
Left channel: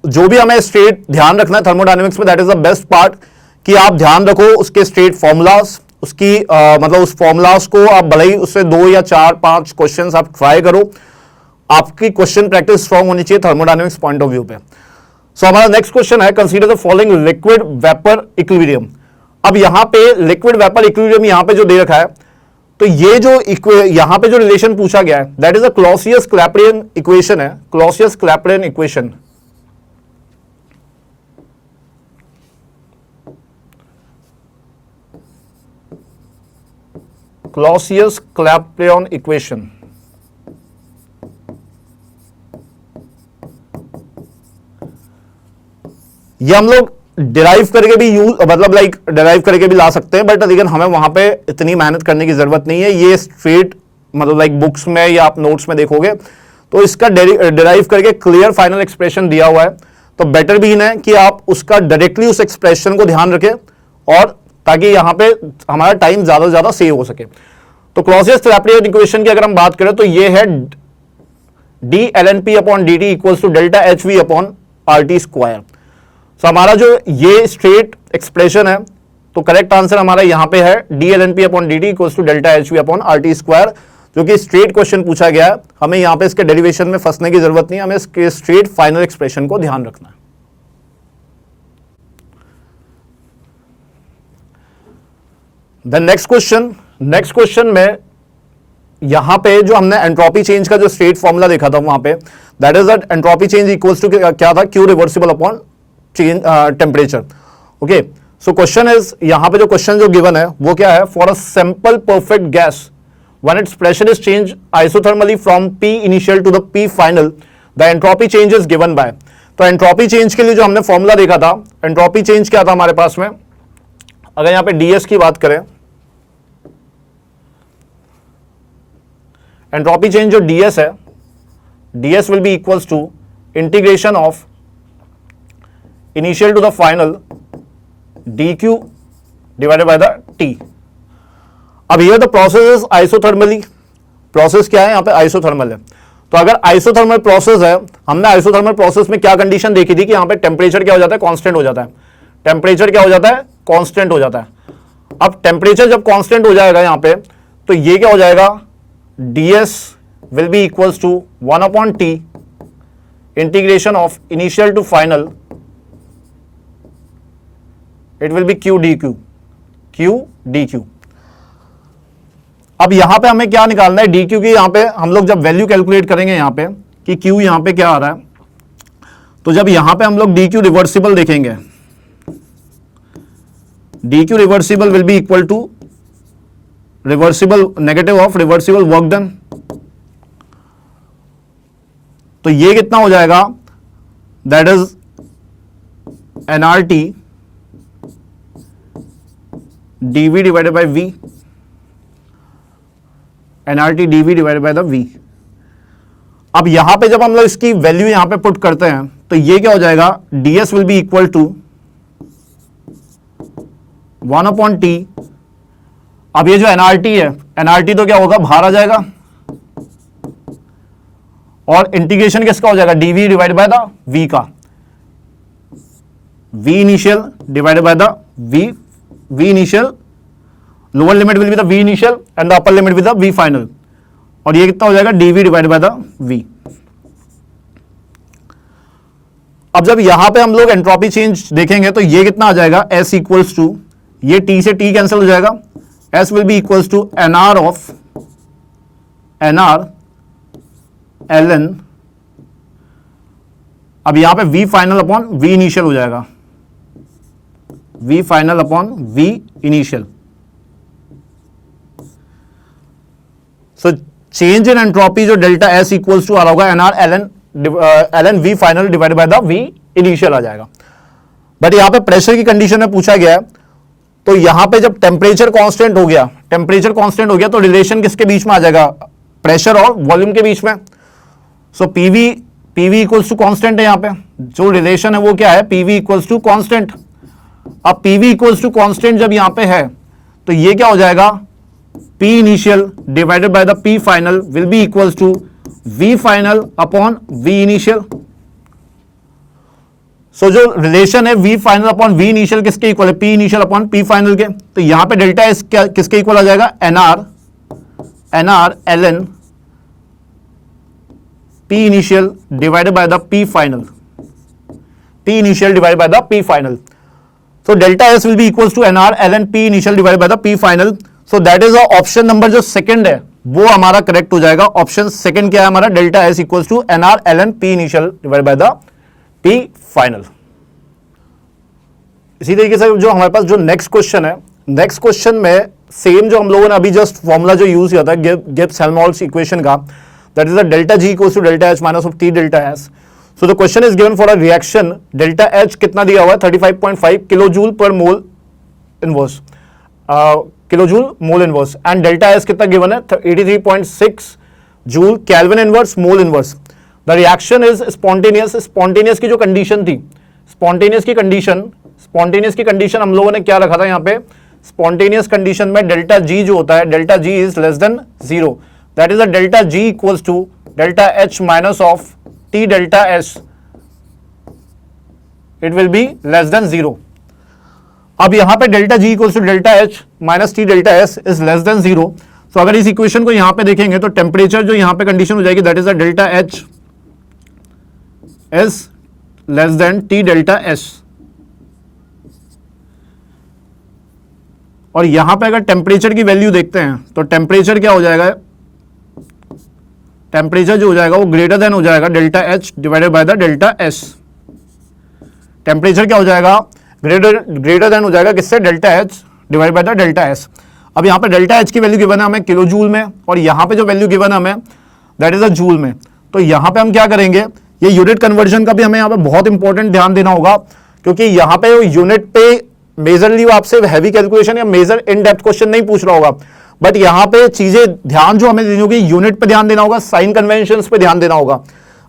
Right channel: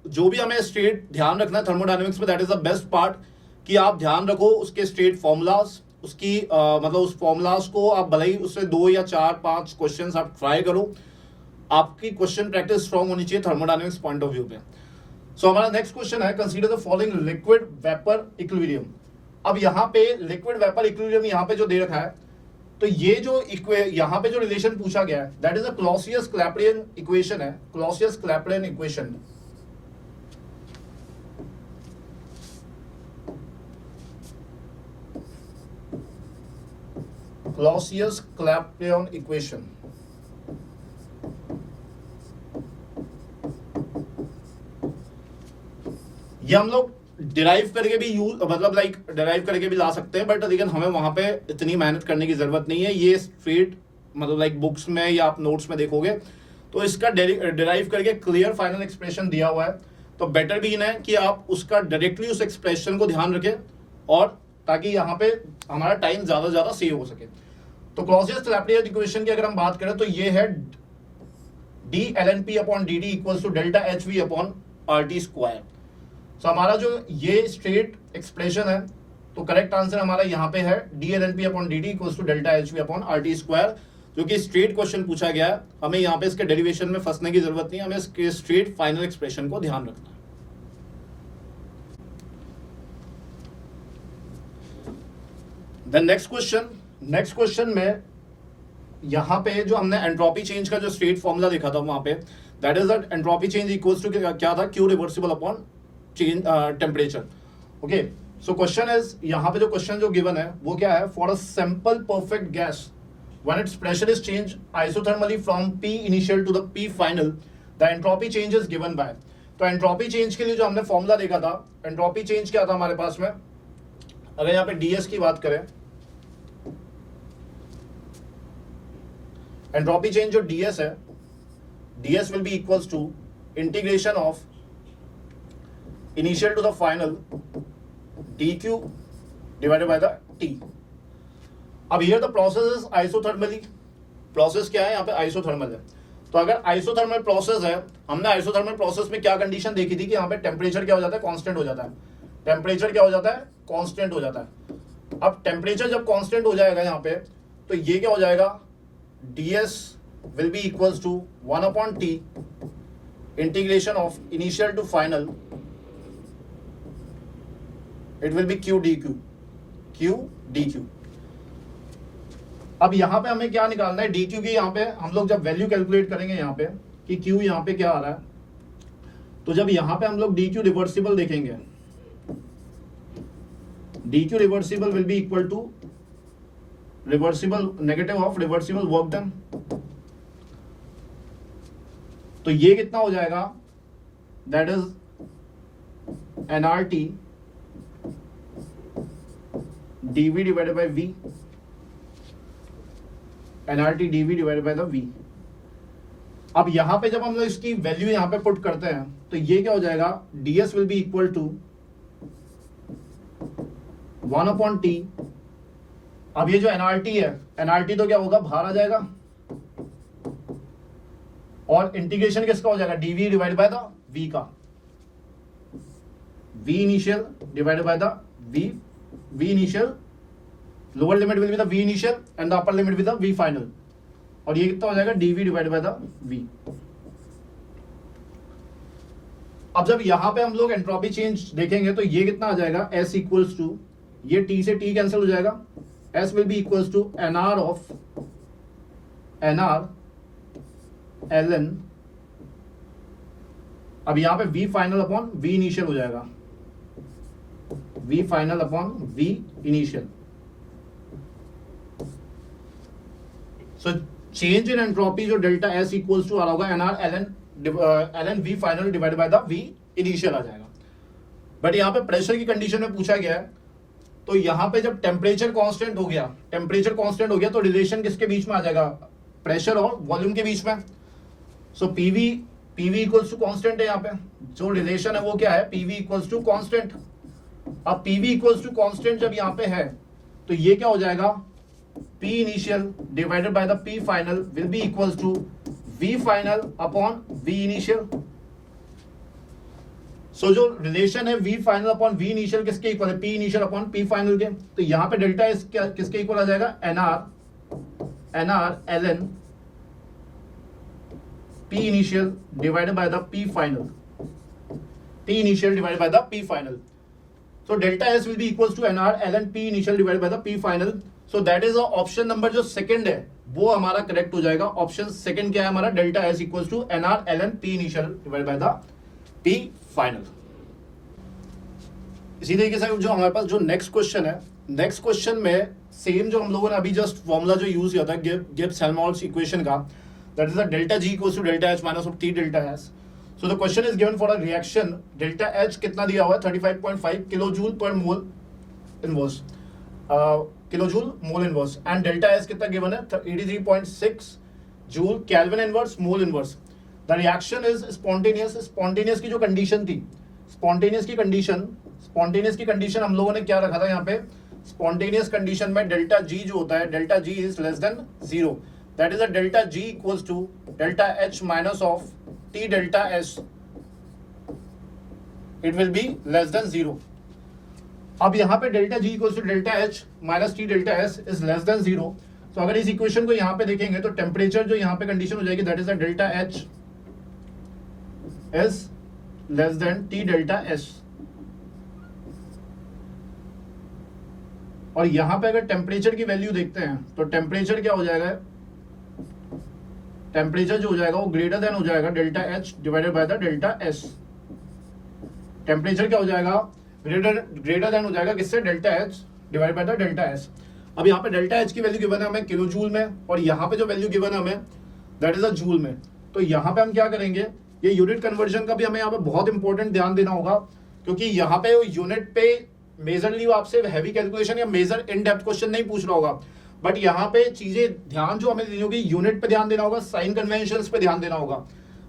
जो भी हमें स्ट्रेट ध्यान रखना है थर्मोडायनेमिक्स में, that is the best part, कि आप ध्यान रखो उसके स्ट्रेट फॉर्मूलाज, उसकी मतलब उस फॉर्मूलाज को आप भले ही उससे 2 या 4-5 क्वेश्चन आप ट्राई करो, आपकी क्वेश्चन प्रैक्टिस स्ट्रॉन्ग होनी चाहिए थर्मोडायनेमिक्स पॉइंट ऑफ व्यू पे। सो हमारा नेक्स्ट क्वेश्चन है, consider the following liquid vapour equilibrium. अब यहां पे लिक्विड वेपर इक्विलिब्रियम यहां पे जो दे रखा है, तो ये जो यहां पे जो रिलेशन पूछा गया है दैट इज अ क्लॉसियस-क्लैपेरियन इक्वेशन है, क्लॉसियस-क्लैपेरियन इक्वेशन। क्लॉसियस-क्लैपेरियन इक्वेशन ये हम लोग डिराइव करके भी मतलब डिराइव करके भी ला सकते हैं, बट लेकिन हमें वहां पे इतनी मेहनत करने की जरूरत नहीं है। ये स्ट्रेट मतलब बुक्स में या आप नोट्स में देखोगे तो इसका डिराइव करके क्लियर फाइनल एक्सप्रेशन दिया हुआ है। तो बेटर भी है कि आप उसका डायरेक्टली उस एक्सप्रेशन को ध्यान रखें, और ताकि यहां पे हमारा टाइम ज्यादा से ज्यादा सेव हो सके। तो क्लॉसियस-क्लैपेरियन इक्वेशन की अगर हम बात करें तो ये है dlnp upon dt equals to delta hv upon RT square. तो हमारा जो ये स्ट्रेट एक्सप्रेशन है, तो करेक्ट आंसर हमारा यहां पे है dlnp upon dt equals to delta hv upon RT square, जो कि स्ट्रेट क्वेश्चन पूछा गया है। हमें यहां पे इसके डेरिवेशन में फंसने की जरूरत नहीं है, हमें इसके स्ट्रेट फाइनल एक्सप्रेशन को ध्यान रखना है। द नेक्स्ट क्वेश्चन में यहां पे जो हमने एंट्रोपी चेंज का जो स्ट्रेट फॉर्मूला देखा था वहां पे, that is that entropy change equals to क्या था, Q reversible upon change temperature. Okay, so question is, यहां पे जो क्वेश्चन जो गिवन है वो क्या है, for a simple perfect gas when its pressure is change isothermally from P initial to the P final, the entropy change is given by. तो entropy change के लिए जो हमने फॉर्मूला देखा था, एंट्रोपी चेंज क्या था हमारे पास में, अगर यहां पे ds की बात करें, एंट्रोपी चेंज जो ds है, ds will be equals to integration of initial to the final dq divided by the t। अब here the process is isothermally, process क्या है यहां पे, आइसोथर्मल है। तो अगर आइसोथर्मल प्रोसेस है, हमने आइसोथर्मल प्रोसेस में क्या कंडीशन देखी थी कि यहां पे टेम्परेचर क्या हो जाता है, कांस्टेंट हो जाता है। टेम्परेचर क्या हो जाता है, कांस्टेंट हो जाता है। अब टेम्परेचर जब कांस्टेंट हो जाएगा यहां पे, तो ये क्या हो जाएगा, ds will be equals to 1 upon t integration of initial to final, it will be q dq। अब यहां पे हमें क्या निकालना है, dq की यहां पे हम लोग जब वैल्यू कैलकुलेट करेंगे यहां पे कि q यहां पे क्या आ रहा है, तो जब यहां पे हम लोग dq रिवर्सिबल देखेंगे, dq reversible will be equal to reversible negative of reversible work done. तो ये कितना हो जाएगा, that is nRT dV divided by V, nRT dV divided by the V। अब यहां पे जब हम लोग इसकी वैल्यू यहां पे पुट करते हैं तो ये क्या हो जाएगा, ds will be equal to 1 upon t। अब ये जो nRT है, nRT तो क्या होगा, बाहर आ जाएगा, और इंटीग्रेशन किसका हो जाएगा, dV divide by the V का, V initial divided by the V initial, lower limit will be the V initial and the upper limit with the V final, और ये कितना हो जाएगा, dV divide by the V। अब जब यहां पे हम लोग एंट्रोपी चेंज देखेंगे तो ये कितना आ जाएगा, S इक्वल्स टू, ये T से T कैंसिल हो जाएगा, S will be equals to NR of NR ln, अब यहां पे V final upon V initial हो जाएगा, V final upon V initial. So change in entropy जो डेल्टा S इक्वल्स टू आ रहा होगा NR ln V final divided by the V initial आ जाएगा। बट यहां पे प्रेशर की कंडीशन में पूछा गया है, तो यहां पे जब टेम्परेचर कांस्टेंट हो गया तो रिलेशन किसके बीच में आ जाएगा, प्रेशर और वॉल्यूम के बीच में। So PV equals to constant है, यहां पे जो रिलेशन है वो क्या है, पीवी इक्वल्स टू कांस्टेंट। अब पीवी इक्वल्स टू कांस्टेंट जब यहां पे है तो ये क्या हो जाएगा, P initial divided by the P final will be equals to V final upon V initial. So जो रिलेशन है V final upon V initial किसके इक्वल है, P initial upon P final के। तो यहां पे डेल्टा एस किसके equal आ जाएगा, NR LN P initial divided by the P final, P initial divided by the P final. So delta S will be equals to NR LN P initial divided by the P final. So that is option number जो second है वो हमारा correct हो जाएगा। Option second क्या है हमारा, delta S equals to NR LN P initial divided by the P final. इसी तरीके से जो हमारे पास जो नेक्स्ट क्वेश्चन है, नेक्स्ट क्वेश्चन में सेम जो हम लोगों ने अभी जस्ट फॉर्मूला जो यूज किया था गिब्स हेल्महोल्ट्ज इक्वेशन का, that is the delta G equals to delta H minus of T delta S. So the question is given for a reaction, delta H कितना दिया हुआ है 35.5 kilo joule per mole inverse, kilo joule mole inverse, and delta S कितना given है 83.6 joule kelvin inverse mole inverse. The reaction is spontaneous. Spontaneous की जो condition थी, spontaneous की कंडीशन हम लोगों ने क्या रखा था यहाँ पे, स्पॉन्टेनियस कंडीशन में डेल्टा जी जो होता है, delta G is less than 0, that is a delta G equals to delta H minus of T delta S, it will be less than 0। अब यहां पे delta G equals to delta H minus T delta S is less than 0। तो अगर इस equation को यहां पे देखेंगे तो टेम्परेचर जो यहां पे कंडीशन हो जाएगी, that is a delta H is less then T delta S. और यहां पे अगर टेम्परेचर की वैल्यू देखते हैं तो टेम्परेचर क्या हो जाएगा, टेम्परेचर जो हो जाएगा वो ग्रेटर देन हो जाएगा delta H divided by the delta S. Temperature क्या हो जाएगा, ग्रेटर देन हो जाएगा किससे, delta H divided by the delta S. अब यहां पे डेल्टा एच की वैल्यू गिवन है हमें किलो जूल में, और यहां पे जो वैल्यू गिवन है हमें दैट इज अ जूल में। तो यहां पे हम क्या करेंगे, ये यूनिट कन्वर्जन का भी हमें यहां पे बहुत इंपॉर्टेंट ध्यान देना होगा, क्योंकि यहां पे यूनिट पे मेजरली वो आपसे हैवी कैलकुलेशन या मेजर इन डेप्थ क्वेश्चन नहीं पूछ रहा होगा, बट यहां पे चीजें ध्यान जो हमें देनी होगी, यूनिट पे ध्यान देना होगा, साइन कन्वेंशंस पे ध्यान देना होगा।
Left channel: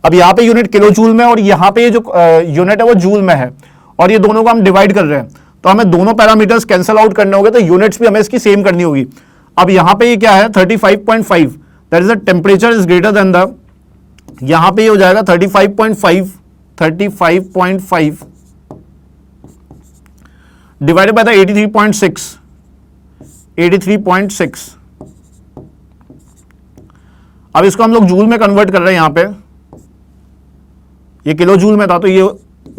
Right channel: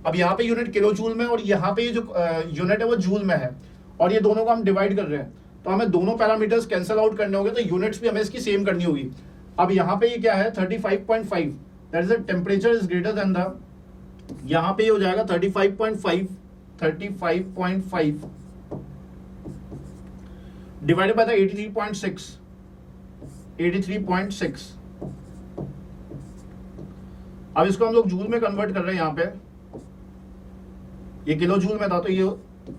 अब यहां पे यूनिट किलो जूल में और यहां पे जो यूनिट है वो जूल में है, और ये दोनों को हम डिवाइड कर रहे हैं, तो हमें दोनों पैरामीटर्स कैंसिल आउट करने होंगे, तो यूनिट्स भी हमें इसकी सेम करनी होगी। अब यहां पे ये क्या है 35.5, that is the temperature is greater than the, यहां पे ये हो जाएगा 35.5 डिवाइडेड बाय द 83.6। अब इसको हम लोग जूल में कन्वर्ट कर रहे हैं, यहां पे ये किलो जूल में था तो ये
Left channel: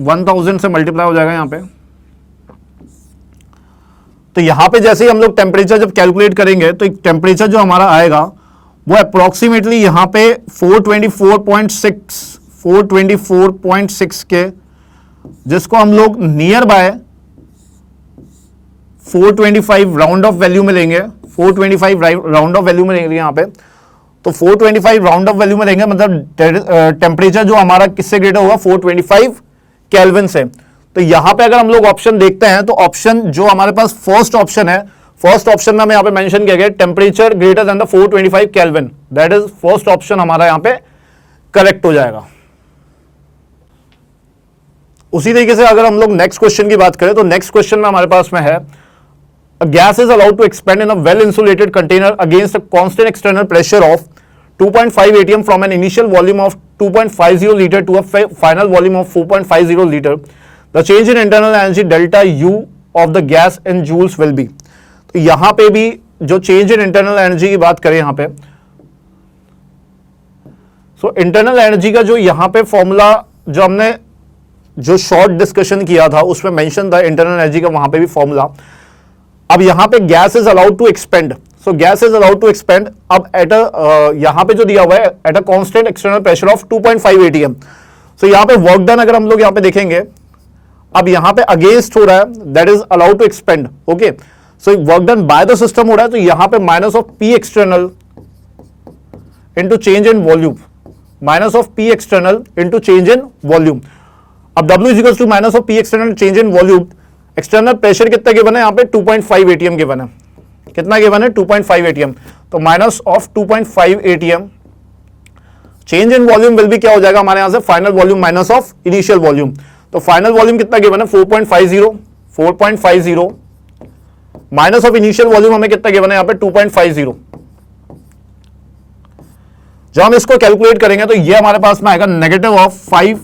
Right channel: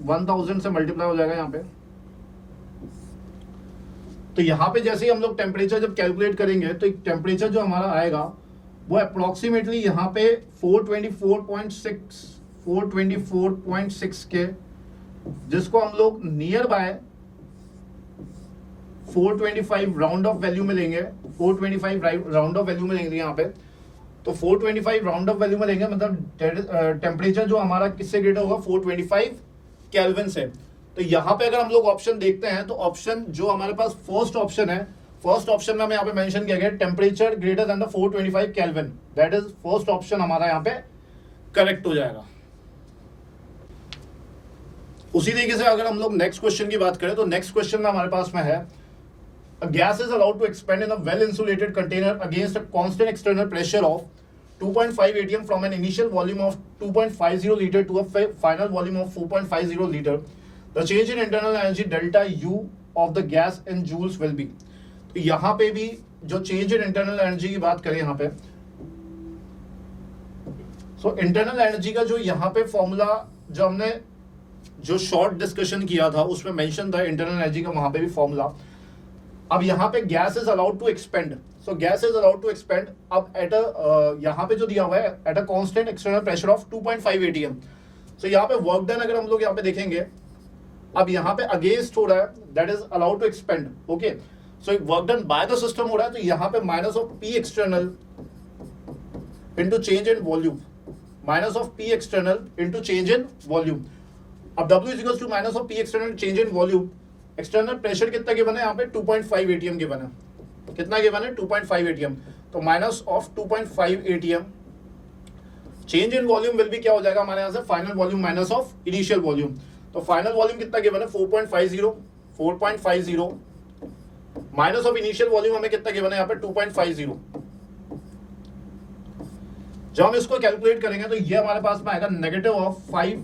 1000 से मल्टीप्लाई हो जाएगा यहां पे। तो यहां पे जैसे ही हम लोग टेम्परेचर जब कैलकुलेट करेंगे तो एक टेम्परेचर जो हमारा आएगा वो अप्रोक्सीमेटली यहां पे 424.6 के, जिसको हम लोग near by 425 round of value में लेंगे, 425 राउंड ऑफ वैल्यू में लेंगे यहां पे। तो 425 राउंड ऑफ वैल्यू में लेंगे, मतलब टेम्परेचर जो हमारा किससे ग्रेटर होगा, 425 केल्विन से। तो यहां पे अगर हम लोग ऑप्शन देखते हैं तो ऑप्शन जो हमारे पास फर्स्ट ऑप्शन है, फर्स्ट ऑप्शन में हमें यहां पे मेंशन किया गया temperature greater than the 425 kelvin, that is first option हमारा यहां पे करेक्ट हो जाएगा। उसी तरीके से अगर हम लोग नेक्स्ट क्वेश्चन की बात करें तो नेक्स्ट क्वेश्चन में हमारे पास में है, a gas is allowed to expand in a well insulated container against a constant external pressure of 2.5 atm from an initial volume of 2.50 liter to a final volume of 4.50 liter. The change in internal energy delta U of the gas in joules will be. तो यहां पे भी जो change in internal energy की बात करें यहां पे, सो इंटरनल एनर्जी का जो यहां पे फॉर्मूला जो हमने जो शॉर्ट डिस्कशन किया था उसमें मेंशन था इंटरनल एनर्जी का, वहां पे भी फॉर्मूला अब यहां पे gas is allowed to expand, so gas is allowed to expand अब एट यहां पे जो दिया हुआ है at a constant external pressure of 2.5 atm। So यहां पे वर्क डन अगर हम लोग यहां पे देखेंगे, अब यहां पे अगेंस्ट हो रहा है, that is allowed to expand. Okay, so work done by the system हो रहा है, तो यहां पे minus of P external into change in volume, minus of P external into change in volume. अब W is equal to minus of P external change in volume. External pressure कितना given है यहाँ पे 2.5 atm गिवन है, कितना given है 2.5 atm, तो minus of 2.5 atm change in volume will भी क्या हो जाएगा हमारे यहां से final volume minus of initial volume. तो फाइनल वॉल्यूम कितना गिवन है 4.50 माइनस ऑफ इनिशियल वॉल्यूम हमें कितना गिवन है यहाँ पे 2.50। जब हम इसको कैलकुलेट करेंगे तो ये हमारे पास में आएगा negative of 5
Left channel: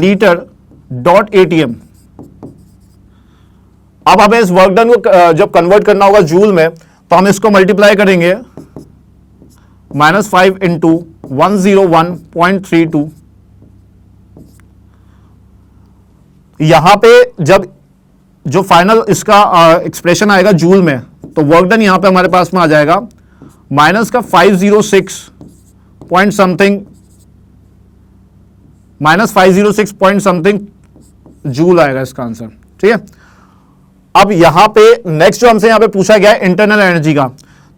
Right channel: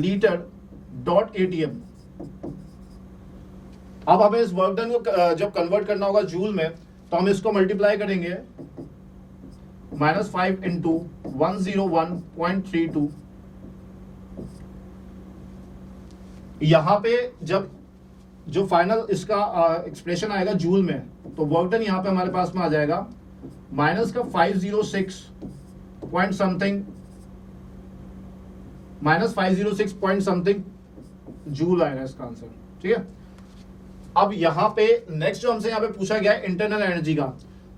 litre dot ATM. अब हमें इस वर्क डन को जब कन्वर्ट करना होगा जूल में, तो हम इसको मल्टीप्लाई करेंगे -5 इंटू 101.32। यहां पे जब जो फाइनल इसका एक्सप्रेशन आएगा जूल में, तो वर्क डन यहां पे हमारे पास में आ जाएगा माइनस का 506 point something, -506 point something joule आएगा इसका आंसर। ठीक है, अब यहां पे नेक्स्ट जो हमसे यहां पे पूछा गया है इंटरनल एनर्जी का,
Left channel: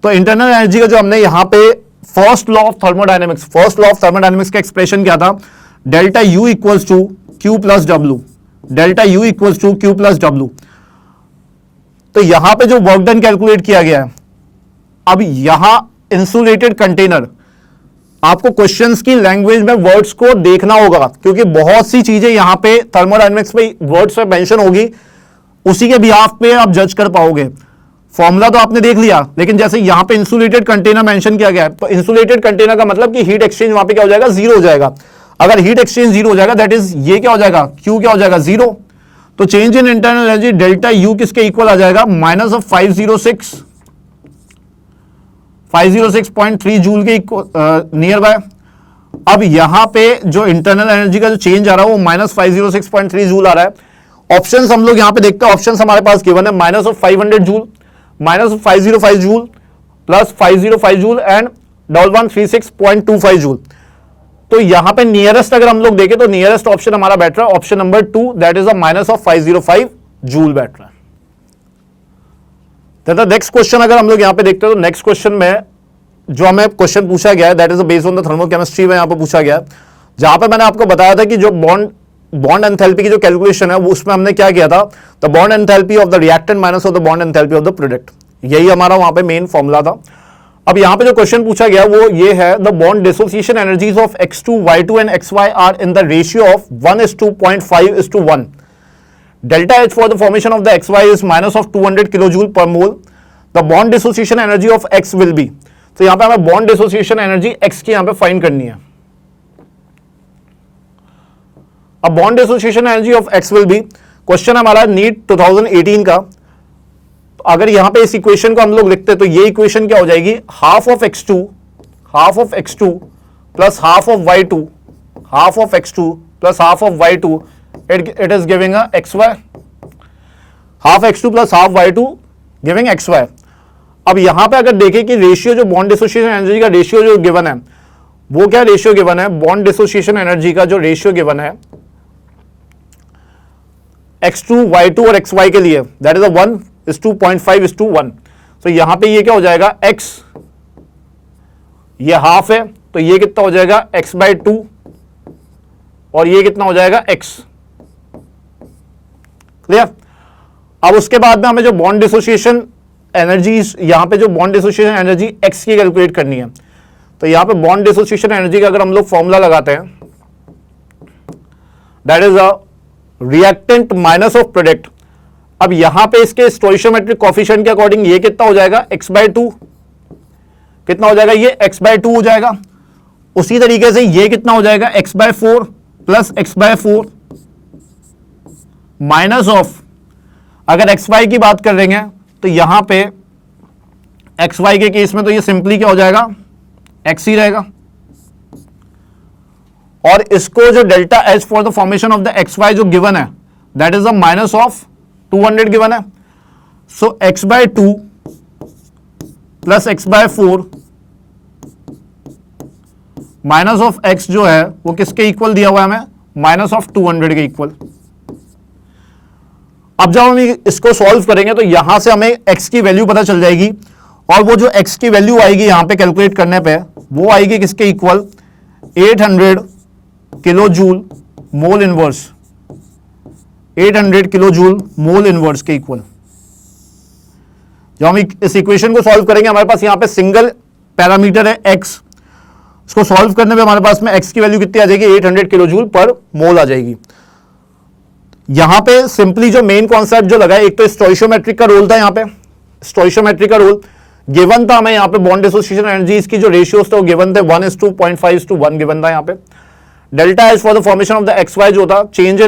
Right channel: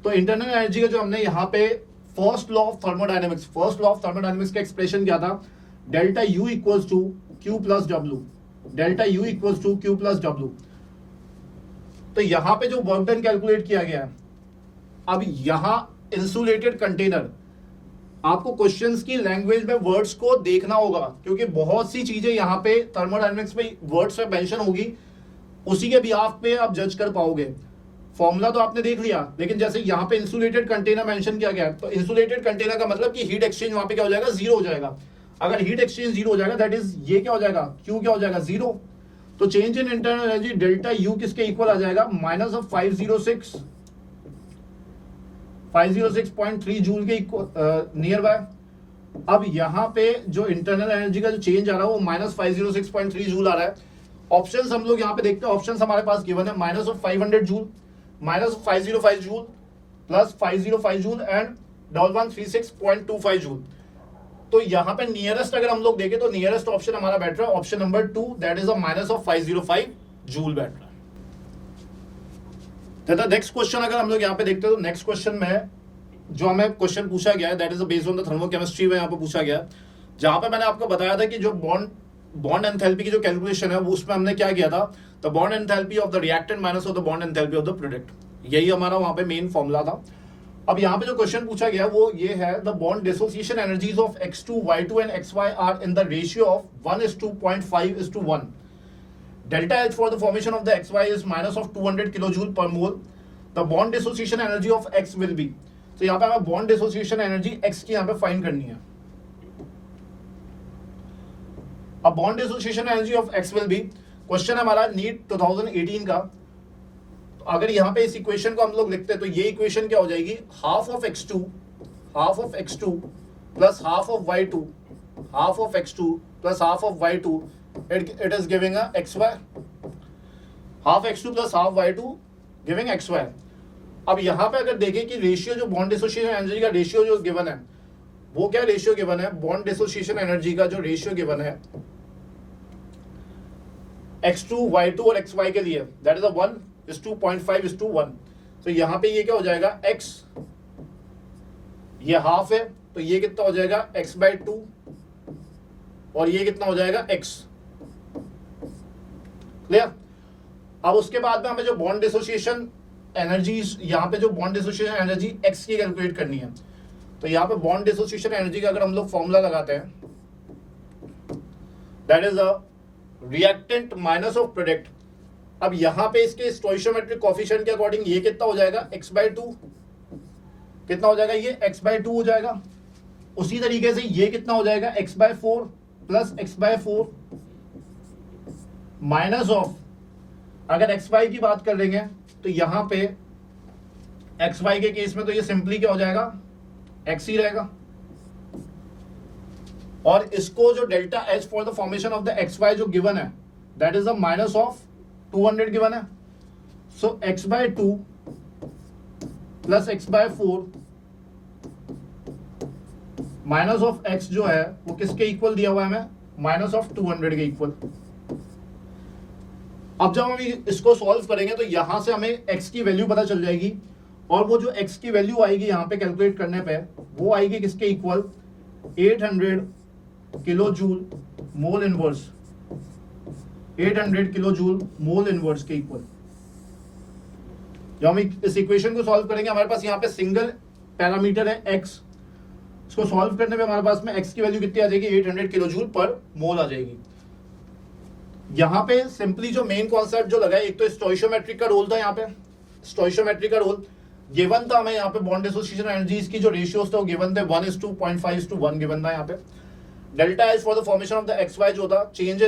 तो इंटरनल एनर्जी का जो हमने यहां पे फर्स्ट लॉ ऑफ थर्मोडायनेमिक्स का एक्सप्रेशन क्या था, delta U equals to Q plus W, delta U equals to Q plus W. तो यहां पे जो वर्क डन कैलकुलेट किया गया है, अब यहां इंसुलेटेड कंटेनर, आपको क्वेश्चंस की लैंग्वेज में वर्ड्स को देखना होगा, क्योंकि बहुत सी चीजें यहां पे थर्मोडायनेमिक्स में वर्ड्स में मेंशन होगी, उसी के बिहाफ पे आप जज कर पाओगे। फॉर्मूला तो आपने देख लिया, लेकिन जैसे यहां पे इंसुलेटेड कंटेनर मेंशन किया गया है, तो इंसुलेटेड कंटेनर का मतलब कि हीट एक्सचेंज वहां पे क्या हो जाएगा, जीरो हो जाएगा। अगर हीट एक्सचेंज जीरो हो जाएगा, दैट इज ये क्या हो जाएगा, क्यू क्या हो जाएगा, जीरो। तो change in internal energy delta U किसके इक्वल आ जाएगा, माइनस ऑफ 506.3 जूल के नियर बाय। अब यहां पे जो इंटरनल एनर्जी का जो चेंज आ रहा है वो -506.3 जूल आ रहा है। ऑप्शंस हम लोग यहां पे देखते हैं, ऑप्शंस हमारे पास गिवन है minus of 500 joule, minus of 505 joule, plus 505 joule and 1136.25 joule. तो यहां पे नियरेस्ट अगर हम लोग देखें तो नियरेस्ट ऑप्शन हमारा बैठ रहा है option number 2, that is a minus of 505 joule बैठ रहा है। नेक्स्ट क्वेश्चन अगर हम लोग यहां पे देखते हैं, तो नेक्स्ट क्वेश्चन में जो हमें क्वेश्चन पूछा गया है, that is based on the thermochemistry में यहां पे पूछा गया है, जहां पे मैंने आपको बताया था कि जो बॉन्ड एंथैल्पी की जो कैलकुलेशन है वो उसमें हमने क्या किया था, the bond enthalpy of the reactant minus of the bond enthalpy of the product, यही हमारा वहां पे मेन फॉर्मूला था। अब यहां पे जो क्वेश्चन पूछा गया वो ये है, the bond dissociation energies of x2 y2 and xy are in the ratio of 1:0.5:1। Delta H for the formation of the xy is minus of 200 kilojoule per mole. The bond dissociation energy of x will be, तो यहां पे हमें bond dissociation energy x की यहां पे find करनी है। अब bond dissociation energy of x will be, question हमारा नीट 2018 का। अगर यहां पे इस इक्वेशन को हम लोग लिखते हैं तो ये इक्वेशन क्या हो जाएगी, half of x2 plus half of y2, half of x2 plus half of y2, it is giving a xy, half x2 plus half y2 giving xy। अब यहां पे अगर देखें कि रेशियो जो बॉन्ड डिसोसिएशन एनर्जी का रेशियो जो given है, वो क्या रेशियो गिवन है, बॉन्ड डिसोसिएशन एनर्जी का जो रेशियो गिवन है x2 y2 और xy के लिए, दैट इज 1:0.5:1। तो यहां पे ये क्या हो जाएगा, x ये हाफ है, तो ये कितना हो जाएगा x/2 और ये कितना हो जाएगा x। क्लियर। अब उसके बाद में हमें जो बॉन्ड डिसोसिएशन एनर्जी, यहां पे जो बॉन्ड डिसोसिएशन एनर्जी x की कैलकुलेट करनी है, तो यहां पे बॉन्ड डिसोसिएशन एनर्जी का अगर हम लोग फॉर्मूला लगाते हैं, that is a reactant minus of product. अब यहां पे इसके स्टोइशियोमेट्रिक कोएफिशिएंट के अकॉर्डिंग ये कितना हो जाएगा, x/2, कितना हो जाएगा, ये x/2 हो जाएगा। उसी तरीके से ये कितना हो जाएगा, x/4 plus x/4 minus of, अगर xy की बात कर रहे हैं तो यहां पे xy के केस में तो ये सिंपली क्या हो जाएगा, x ही रहेगा। और इसको जो delta H for the formation of the xy जो गिवन है, that is a minus of 200 given है। सो x/2 plus x/4 minus of x जो है वो किसके इक्वल दिया हुआ है हमें, -200 के इक्वल। अब जब हम इसको सॉल्व करेंगे तो यहां से हमें x की वैल्यू पता चल जाएगी, और वो जो x की वैल्यू आएगी यहां पे कैलकुलेट करने पे वो आएगी किसके equal, 800 kilo joule mole inverse, 800 kilo joule mole inverse के इक्वल। जब हम इस इक्वेशन को सॉल्व करेंगे हमारे पास यहां पे सिंगल पैरामीटर है x, इसको सॉल्व करने पे हमारे पास में x की वैल्यू कितनी आ जाएगी, 800 किलो जूल पर मोल आ जाएगी। यहां पे सिंपली जो मेन कॉन्सेप्ट जो लगा है, एक तो स्टोइशियोमेट्रिक का रोल था, यहां पे स्टोइशियोमेट्रिक का रोल गिवन था हमें, यहां पे बॉन्ड डिसोसिएशन एनर्जी इसकी जो रेशियोज थे वो गिवन थे, 1:0.5:1 गिवन था यहां पे। Delta H for the formation of the XY जो था, चेंज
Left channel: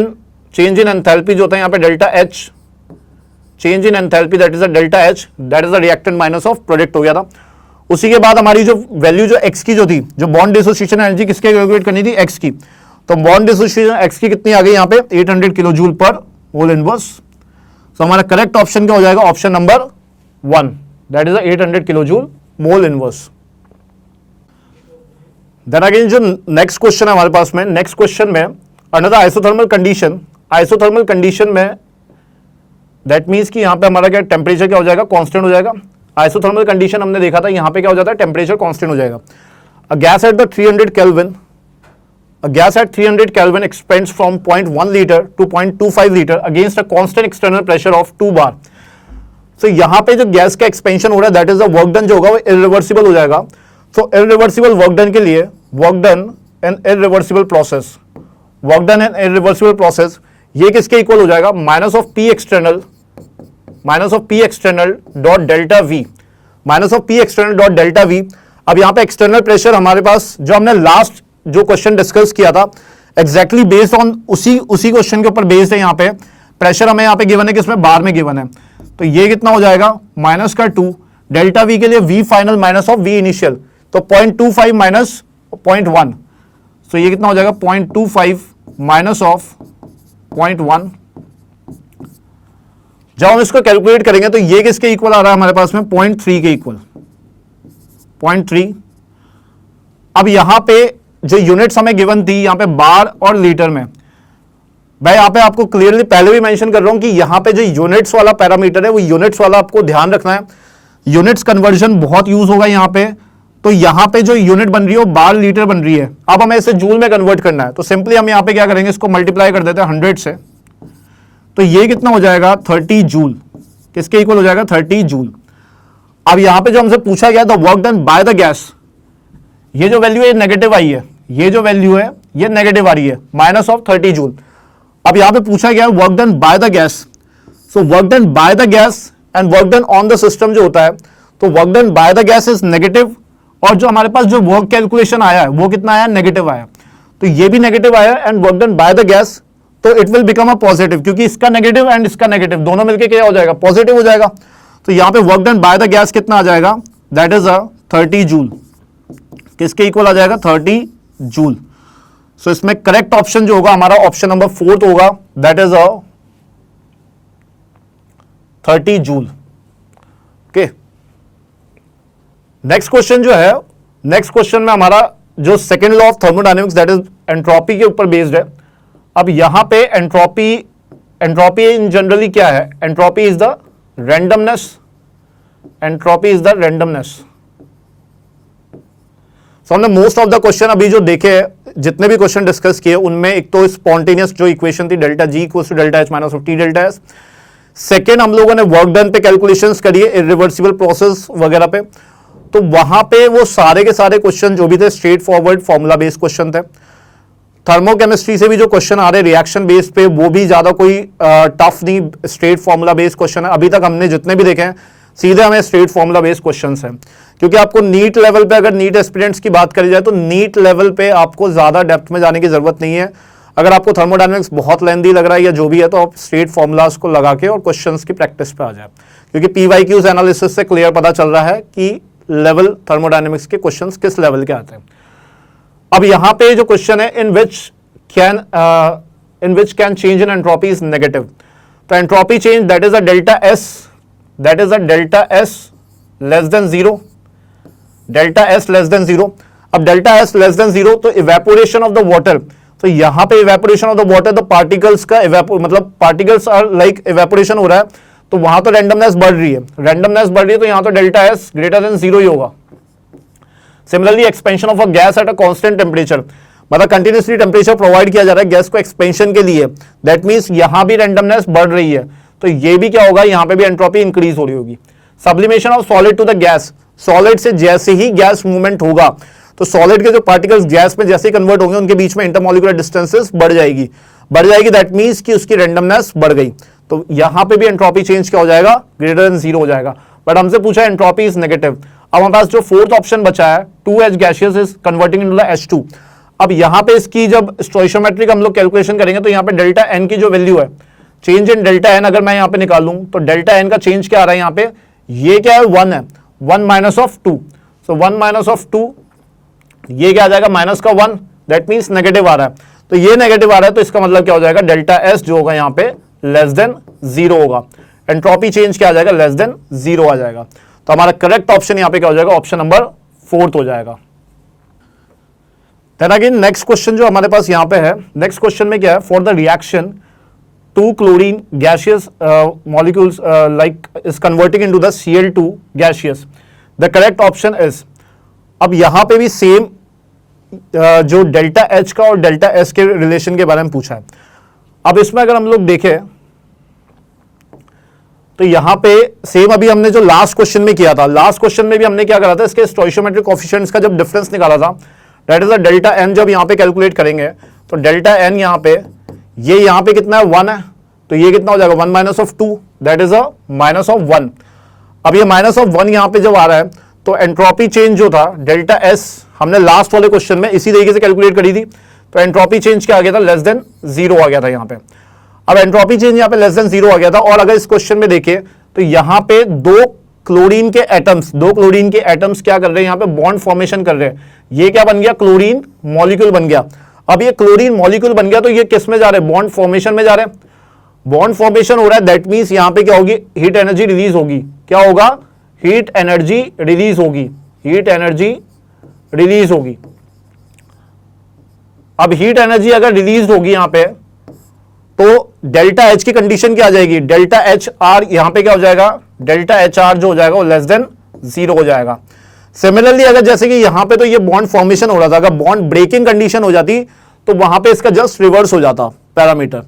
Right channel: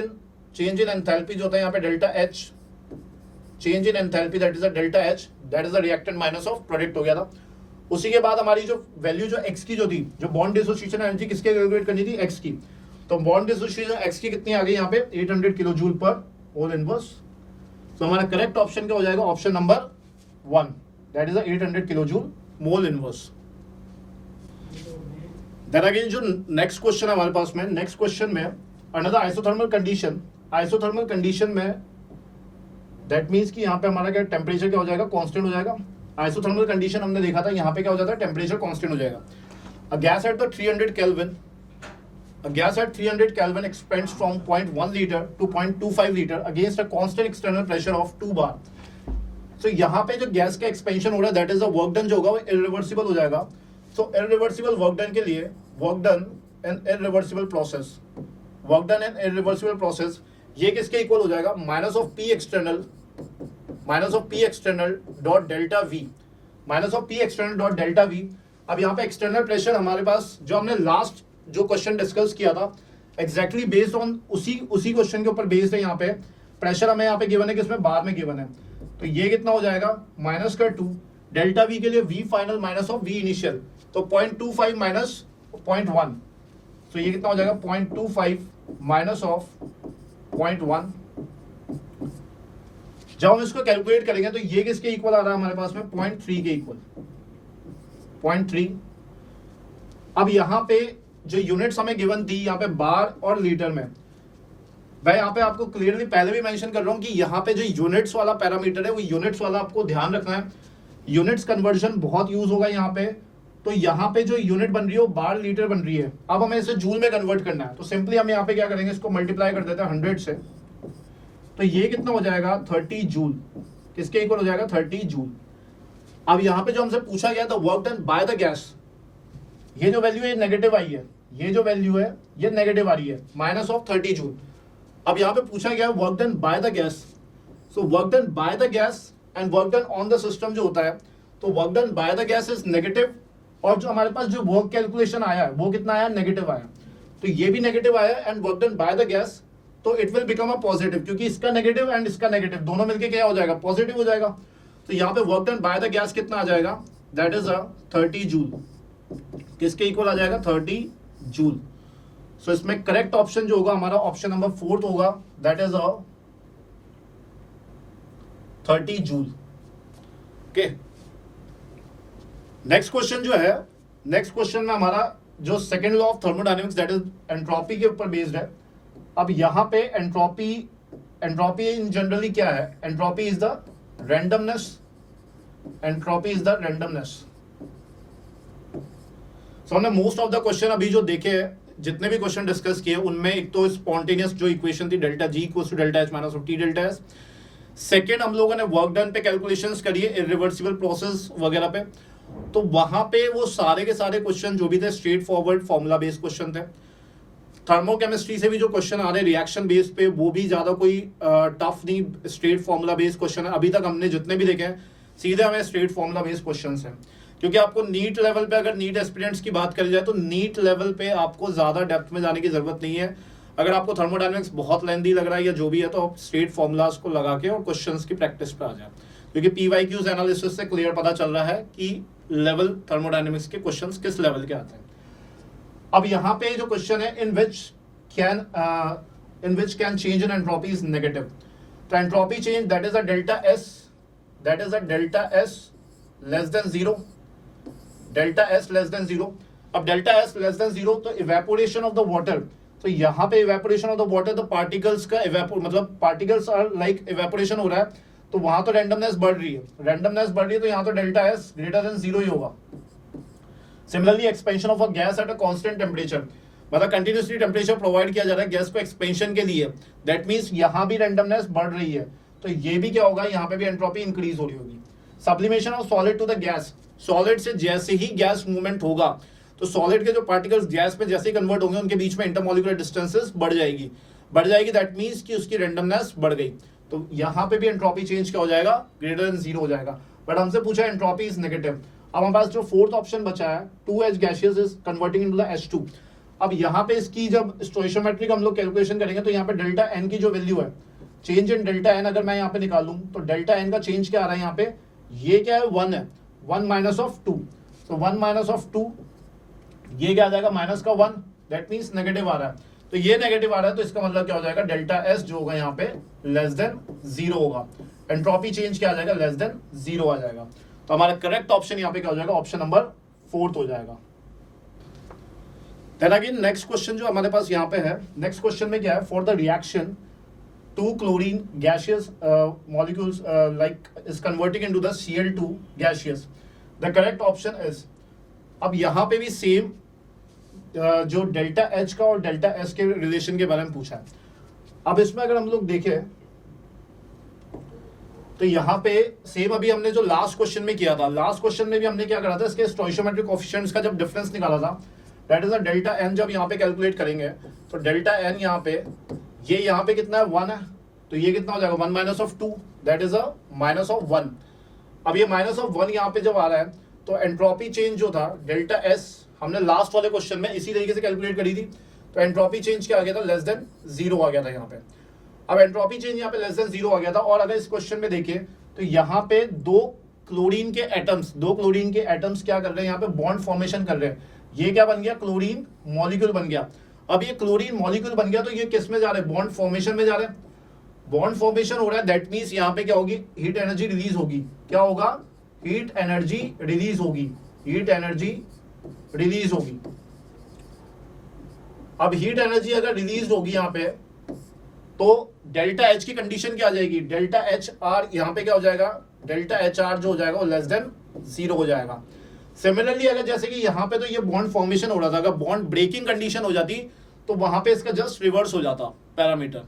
इन एंथैल्पी जो था यहां पे delta H, change in enthalpy that is the delta H, that is the reactant minus of product हो गया था। उसी के बाद हमारी जो वैल्यू जो x की जो थी, जो बॉन्ड डिसोसिएशन एनर्जी किसके कैलकुलेट करनी थी, x की, तो बॉन्ड डिसोसिएशन x की कितनी आ गई यहां पे, 800 kilo joule per mole inverse. तो हमारा करेक्ट ऑप्शन क्या हो जाएगा, option number 1, that is 800 kilo joule mole inverse. Then again जो नेक्स्ट क्वेश्चन है हमारे पास में, नेक्स्ट क्वेश्चन में another isothermal condition, isothermal condition में दैट मीन्स कि यहां पे हमारा क्या टेम्परेचर क्या हो जाएगा, कांस्टेंट हो जाएगा। आइसोथर्मल कंडीशन हमने देखा था, यहां पे क्या हो जाता है, टेम्परेचर कांस्टेंट हो जाएगा। अ gas at the 300 kelvin, a gas at 300 Kelvin expands from 0.1 liter to 0.25 liter against a constant external pressure of 2 bar. So यहाँ पे जो गैस का एक्सपेंशन हो रहा है that is the work done जो होगा वो इरिवर्सिबल हो जाएगा। सो इरिवर्सिबल वर्क डन के लिए work done and irreversible process, work done and irreversible process ये किसके इक्वल हो जाएगा, minus of P external dot delta we, minus of P external dot delta we. अब यहाँ पे एक्सटर्नल प्रेशर हमारे पास जो हमने लास्ट जो क्वेश्चन डिस्कस किया था एग्जैक्टली बेस्ड ऑन उसी क्वेश्चन के ऊपर बेस्ड है। यहाँ पे प्रेशर हमें यहाँ पे गिवन है, किसमें, बार में गिवन है। तो ये कितना हो जाएगा, -2 डेल्टा वी के लिए V final minus of V initial, तो 0.25 माइनस 0.1, तो ये कितना हो जाएगा 0.25 माइनस ऑफ 0.1। जब हम इसको कैलकुलेट करेंगे तो ये किसके इक्वल आ रहा है हमारे पास में, 0.3 के इक्वल, 0.3। अब यहां पे जो यूनिट्स हमें गिवन थी यहां पे बार और लीटर में, मैं यहां पे आपको क्लियरली पहले भी मेंशन कर रहा हूं कि यहां पे जो यूनिट्स वाला पैरामीटर है वो यूनिट्स वाला आपको ध्यान रखना है। यूनिट्स कन्वर्जन बहुत यूज होगा यहां पे, तो यहां पे जो यूनिट बन रही है वो बार लीटर बन रही है। अब हमें इसे जूल में कन्वर्ट करना है, तो सिंपली हम यहां पे क्या करेंगे, इसको मल्टीप्लाई कर देते हैं 100 से, तो ये कितना हो जाएगा 30 जूल, किसके इक्वल हो जाएगा 30 जूल। अब यहां पे जो हमसे पूछा गया था work done by the gas, ये जो वैल्यू है नेगेटिव आई है, ये जो वैल्यू है ये नेगेटिव आ रही है, माइनस ऑफ 30 जूल। अब यहां पे पूछा गया work done by the gas, so work done by the gas and work done on the system जो होता है, तो work done by the gas is negative, और जो हमारे पास जो वर्क कैलकुलेशन आया है वो कितना आया, नेगेटिव आया, तो ये भी नेगेटिव आया and work done by the gas, तो it will become a positive, क्योंकि इसका नेगेटिव एंड इसका नेगेटिव दोनों मिलकर क्या हो जाएगा, पॉजिटिव हो जाएगा। तो यहां पे work done by the gas कितना आ जाएगा, दैट इज 30 जूल, किसके इक्वल आ जाएगा 30 जूल। सो इसमें करेक्ट ऑप्शन जो होगा हमारा ऑप्शन नंबर 4 होगा, that is 30 joule. Okay, next question जो है, नेक्स्ट क्वेश्चन में हमारा जो second law of thermodynamics that is entropy के ऊपर बेस्ड है। अब यहां पे एंट्रोपी इन जनरली क्या है, entropy is the randomness, entropy is the randomness. So हमने मोस्ट ऑफ द क्वेश्चन अभी जो देखे, जितने भी क्वेश्चन डिस्कस किए उनमें एक तो स्पॉन्टेनियस जो इक्वेशन थी delta G equals to delta H minus of T delta S, second हम लोगों ने वर्क डन पे कैलकुलेशंस करिए, इरिवर्सिबल प्रोसेस वगैरह पे, तो वहां पे वो सारे के सारे क्वेश्चन जो भी थे straight forward formula based question थे। थर्मोकेमिस्ट्री से भी जो क्वेश्चन आ रहे रिएक्शन बेस्ड पे, वो भी ज्यादा कोई टफ नहीं, स्ट्रेट फॉर्मूला बेस्ड क्वेश्चन है। अभी तक हमने जितने भी देखे हैं सीधे हमें स्ट्रेट फॉर्मूला बेस्ड क्वेश्चंस हैं, क्योंकि आपको नीट लेवल पे, अगर नीट एस्पिरेंट्स की बात करी जाए तो नीट लेवल पे आपको ज्यादा डेप्थ में जाने की जरूरत नहीं है। अगर आपको थर्मोडायनेमिक्स बहुत लेंथी लग रहा है या जो भी है, तो आप स्ट्रेट फॉर्मूलाज को लगा के और क्वेश्चंस की प्रैक्टिस पे आ जाए, क्योंकि पीवाईक्यूज एनालिसिस से क्लियर पता चल रहा है कि लेवल थर्मोडायनेमिक्स के क्वेश्चंस किस लेवल के आते हैं। अब यहां पे जो क्वेश्चन है in which can change in entropy is negative, तो entropy change that is a delta S, that is a delta S less than zero, delta S less than zero. अब delta S less than zero तो evaporation of the water, तो यहां पे evaporation of the water, तो particles का मतलब particles are like evaporation हो रहा है, तो वहां तो रैंडमनेस बढ़ रही है, रैंडमनेस बढ़ रही है, तो यहां तो delta S greater than zero ही होगा। Similarly expansion of a gas at a constant temperature, मतलब कंटिन्यूसली टेम्परेचर प्रोवाइड किया जा रहा है गैस को एक्सपेंशन के लिए, दैट मींस यहां भी रैंडमनेस बढ़ रही है, तो ये भी क्या होगा, यहां पे भी एंट्रोपी इंक्रीज हो रही होगी। Sublimation of solid to the gas, solid से जैसे ही गैस मूवमेंट होगा तो सॉलिड के जो पार्टिकल्स गैस में जैसे ही कन्वर्ट होंगे उनके बीच में इंटरमॉलिक्यूलर डिस्टेंसेस बढ़ जाएगी, दैट मींस कि उसकी रैंडमनेस बढ़ गई, तो यहां पे भी एंट्रोपी चेंज क्या हो जाएगा, ग्रेटर देन जीरो हो जाएगा। बट हमसे पूछा एंट्रोपी इज नेगेटिव। अब हमारे पास जो फोर्थ ऑप्शन बचा है 2H gaseous is converting into the H2। अब यहां पे इसकी जब स्टोइशियोमेट्रिक हम लोग कैलकुलेशन करेंगे तो यहां पे डेल्टा एन की जो वैल्यू है, चेंज इन डेल्टा एन अगर मैं यहां पे निकालूं तो डेल्टा एन का चेंज क्या आ रहा है यहां पे, ये क्या है 1 है, 1 minus of 2, so 1 minus of 2, ये क्या आ जाएगा माइनस का 1, दैट मींस नेगेटिव आ रहा है, तो ये नेगेटिव आ रहा है, तो इसका मतलब क्या हो जाएगा, डेल्टा एस जो होगा यहां पे लेस देन जीरो होगा, एंट्रोपी चेंज क्या आ जाएगा, लेस देन जीरो आ जाएगा। तो हमारा करेक्ट ऑप्शन यहां पे क्या हो जाएगा, ऑप्शन नंबर 4 हो जाएगा। देन अगेन नेक्स्ट क्वेश्चन जो हमारे पास यहां पे है, नेक्स्ट क्वेश्चन में क्या है, for the reaction to chlorine gaseous molecules like is converting into the Cl2 gaseous, the correct option is, अब यहां पे भी सेम जो डेल्टा एच का और डेल्टा एस के रिलेशन के बारे में पूछा है। अब इसमें अगर हम लोग देखें तो यहां पे सेम अभी हमने जो लास्ट क्वेश्चन में किया था, लास्ट क्वेश्चन में भी हमने क्या करा था, इसके स्टोइशियोमेट्रिक कोएफिशिएंट्स का जब डिफरेंस निकाला था, that is a delta N, जब यहां पे कैलकुलेट करेंगे तो डेल्टा एन यहां पे, ये यहां पे कितना है 1 है, तो ये कितना हो जाएगा 1 minus of 2, that is a minus of 1। अब ये माइनस ऑफ 1 यहां पे जब आ रहा है तो एंट्रोपी चेंज जो था डेल्टा एस, हमने लास्ट वाले क्वेश्चन में इसी तरीके से कैलकुलेट करी थी, तो एंट्रोपी चेंज क्या आ गया था, लेस देन जीरो आ गया था यहां पे। अब एंट्रोपी चेंज यहां पे लेस देन जीरो आ गया था, और अगर इस क्वेश्चन में देखें तो यहां पे दो क्लोरीन के एटम्स क्या कर रहे हैं, यहां पे बॉन्ड फॉर्मेशन कर रहे हैं, ये क्या बन गया, क्लोरीन मॉलिक्यूल बन गया। अब ये क्लोरीन मॉलिक्यूल बन गया तो ये किस में जा रहे हैं, बॉन्ड फॉर्मेशन में जा रहे हैं, बॉन्ड फॉर्मेशन हो रहा है, दैट मींस यहां पे क्या होगी, हीट एनर्जी रिलीज होगी, क्या होगा, हीट एनर्जी रिलीज होगी, हीट एनर्जी रिलीज होगी। अब हीट एनर्जी अगर रिलीज होगी यहां पे तो डेल्टा एच की कंडीशन क्या आ जाएगी, डेल्टा एच आर यहां पे क्या हो जाएगा, डेल्टा एच आर जो हो जाएगा वो लेस देन जीरो हो जाएगा। सिमिलरली अगर जैसे कि यहां पे तो ये बॉन्ड फॉर्मेशन हो रहा था, अगर बॉन्ड ब्रेकिंग कंडीशन हो जाती तो वहां पे इसका जस्ट रिवर्स हो जाता पैरामीटर,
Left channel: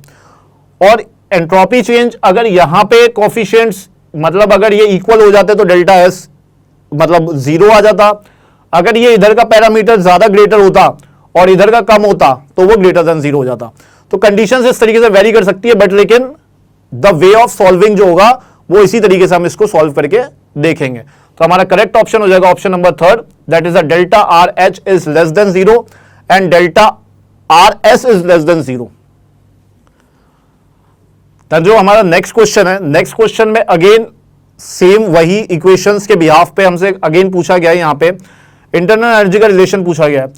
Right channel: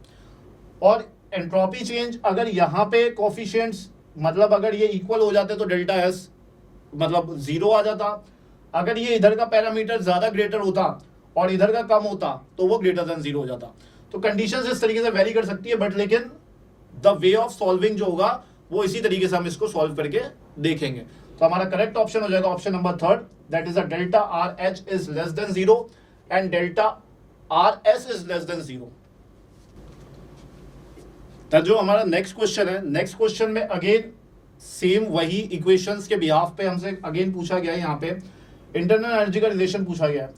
और एंट्रोपी चेंज अगर यहां पे कोएफिशिएंट्स मतलब अगर ये इक्वल हो जाते तो डेल्टा एस मतलब जीरो आ जाता, अगर ये इधर का पैरामीटर ज्यादा ग्रेटर होता और इधर का कम होता तो वो ग्रेटर देन जीरो हो जाता। तो कंडीशंस इस तरीके से वेरी कर सकती है, बट लेकिन द वे ऑफ सॉल्विंग जो होगा वो इसी तरीके से हम इसको सॉल्व करके देखेंगे। तो हमारा करेक्ट ऑप्शन हो जाएगा option number 3, that is delta R H is less than zero and delta R S is less than zero. जो हमारा नेक्स्ट क्वेश्चन है, नेक्स्ट क्वेश्चन में अगेन सेम वही इक्वेशंस के बिहाफ पे हमसे अगेन पूछा गया है, यहां पे इंटरनल एनर्जी का रिलेशन पूछा गया है।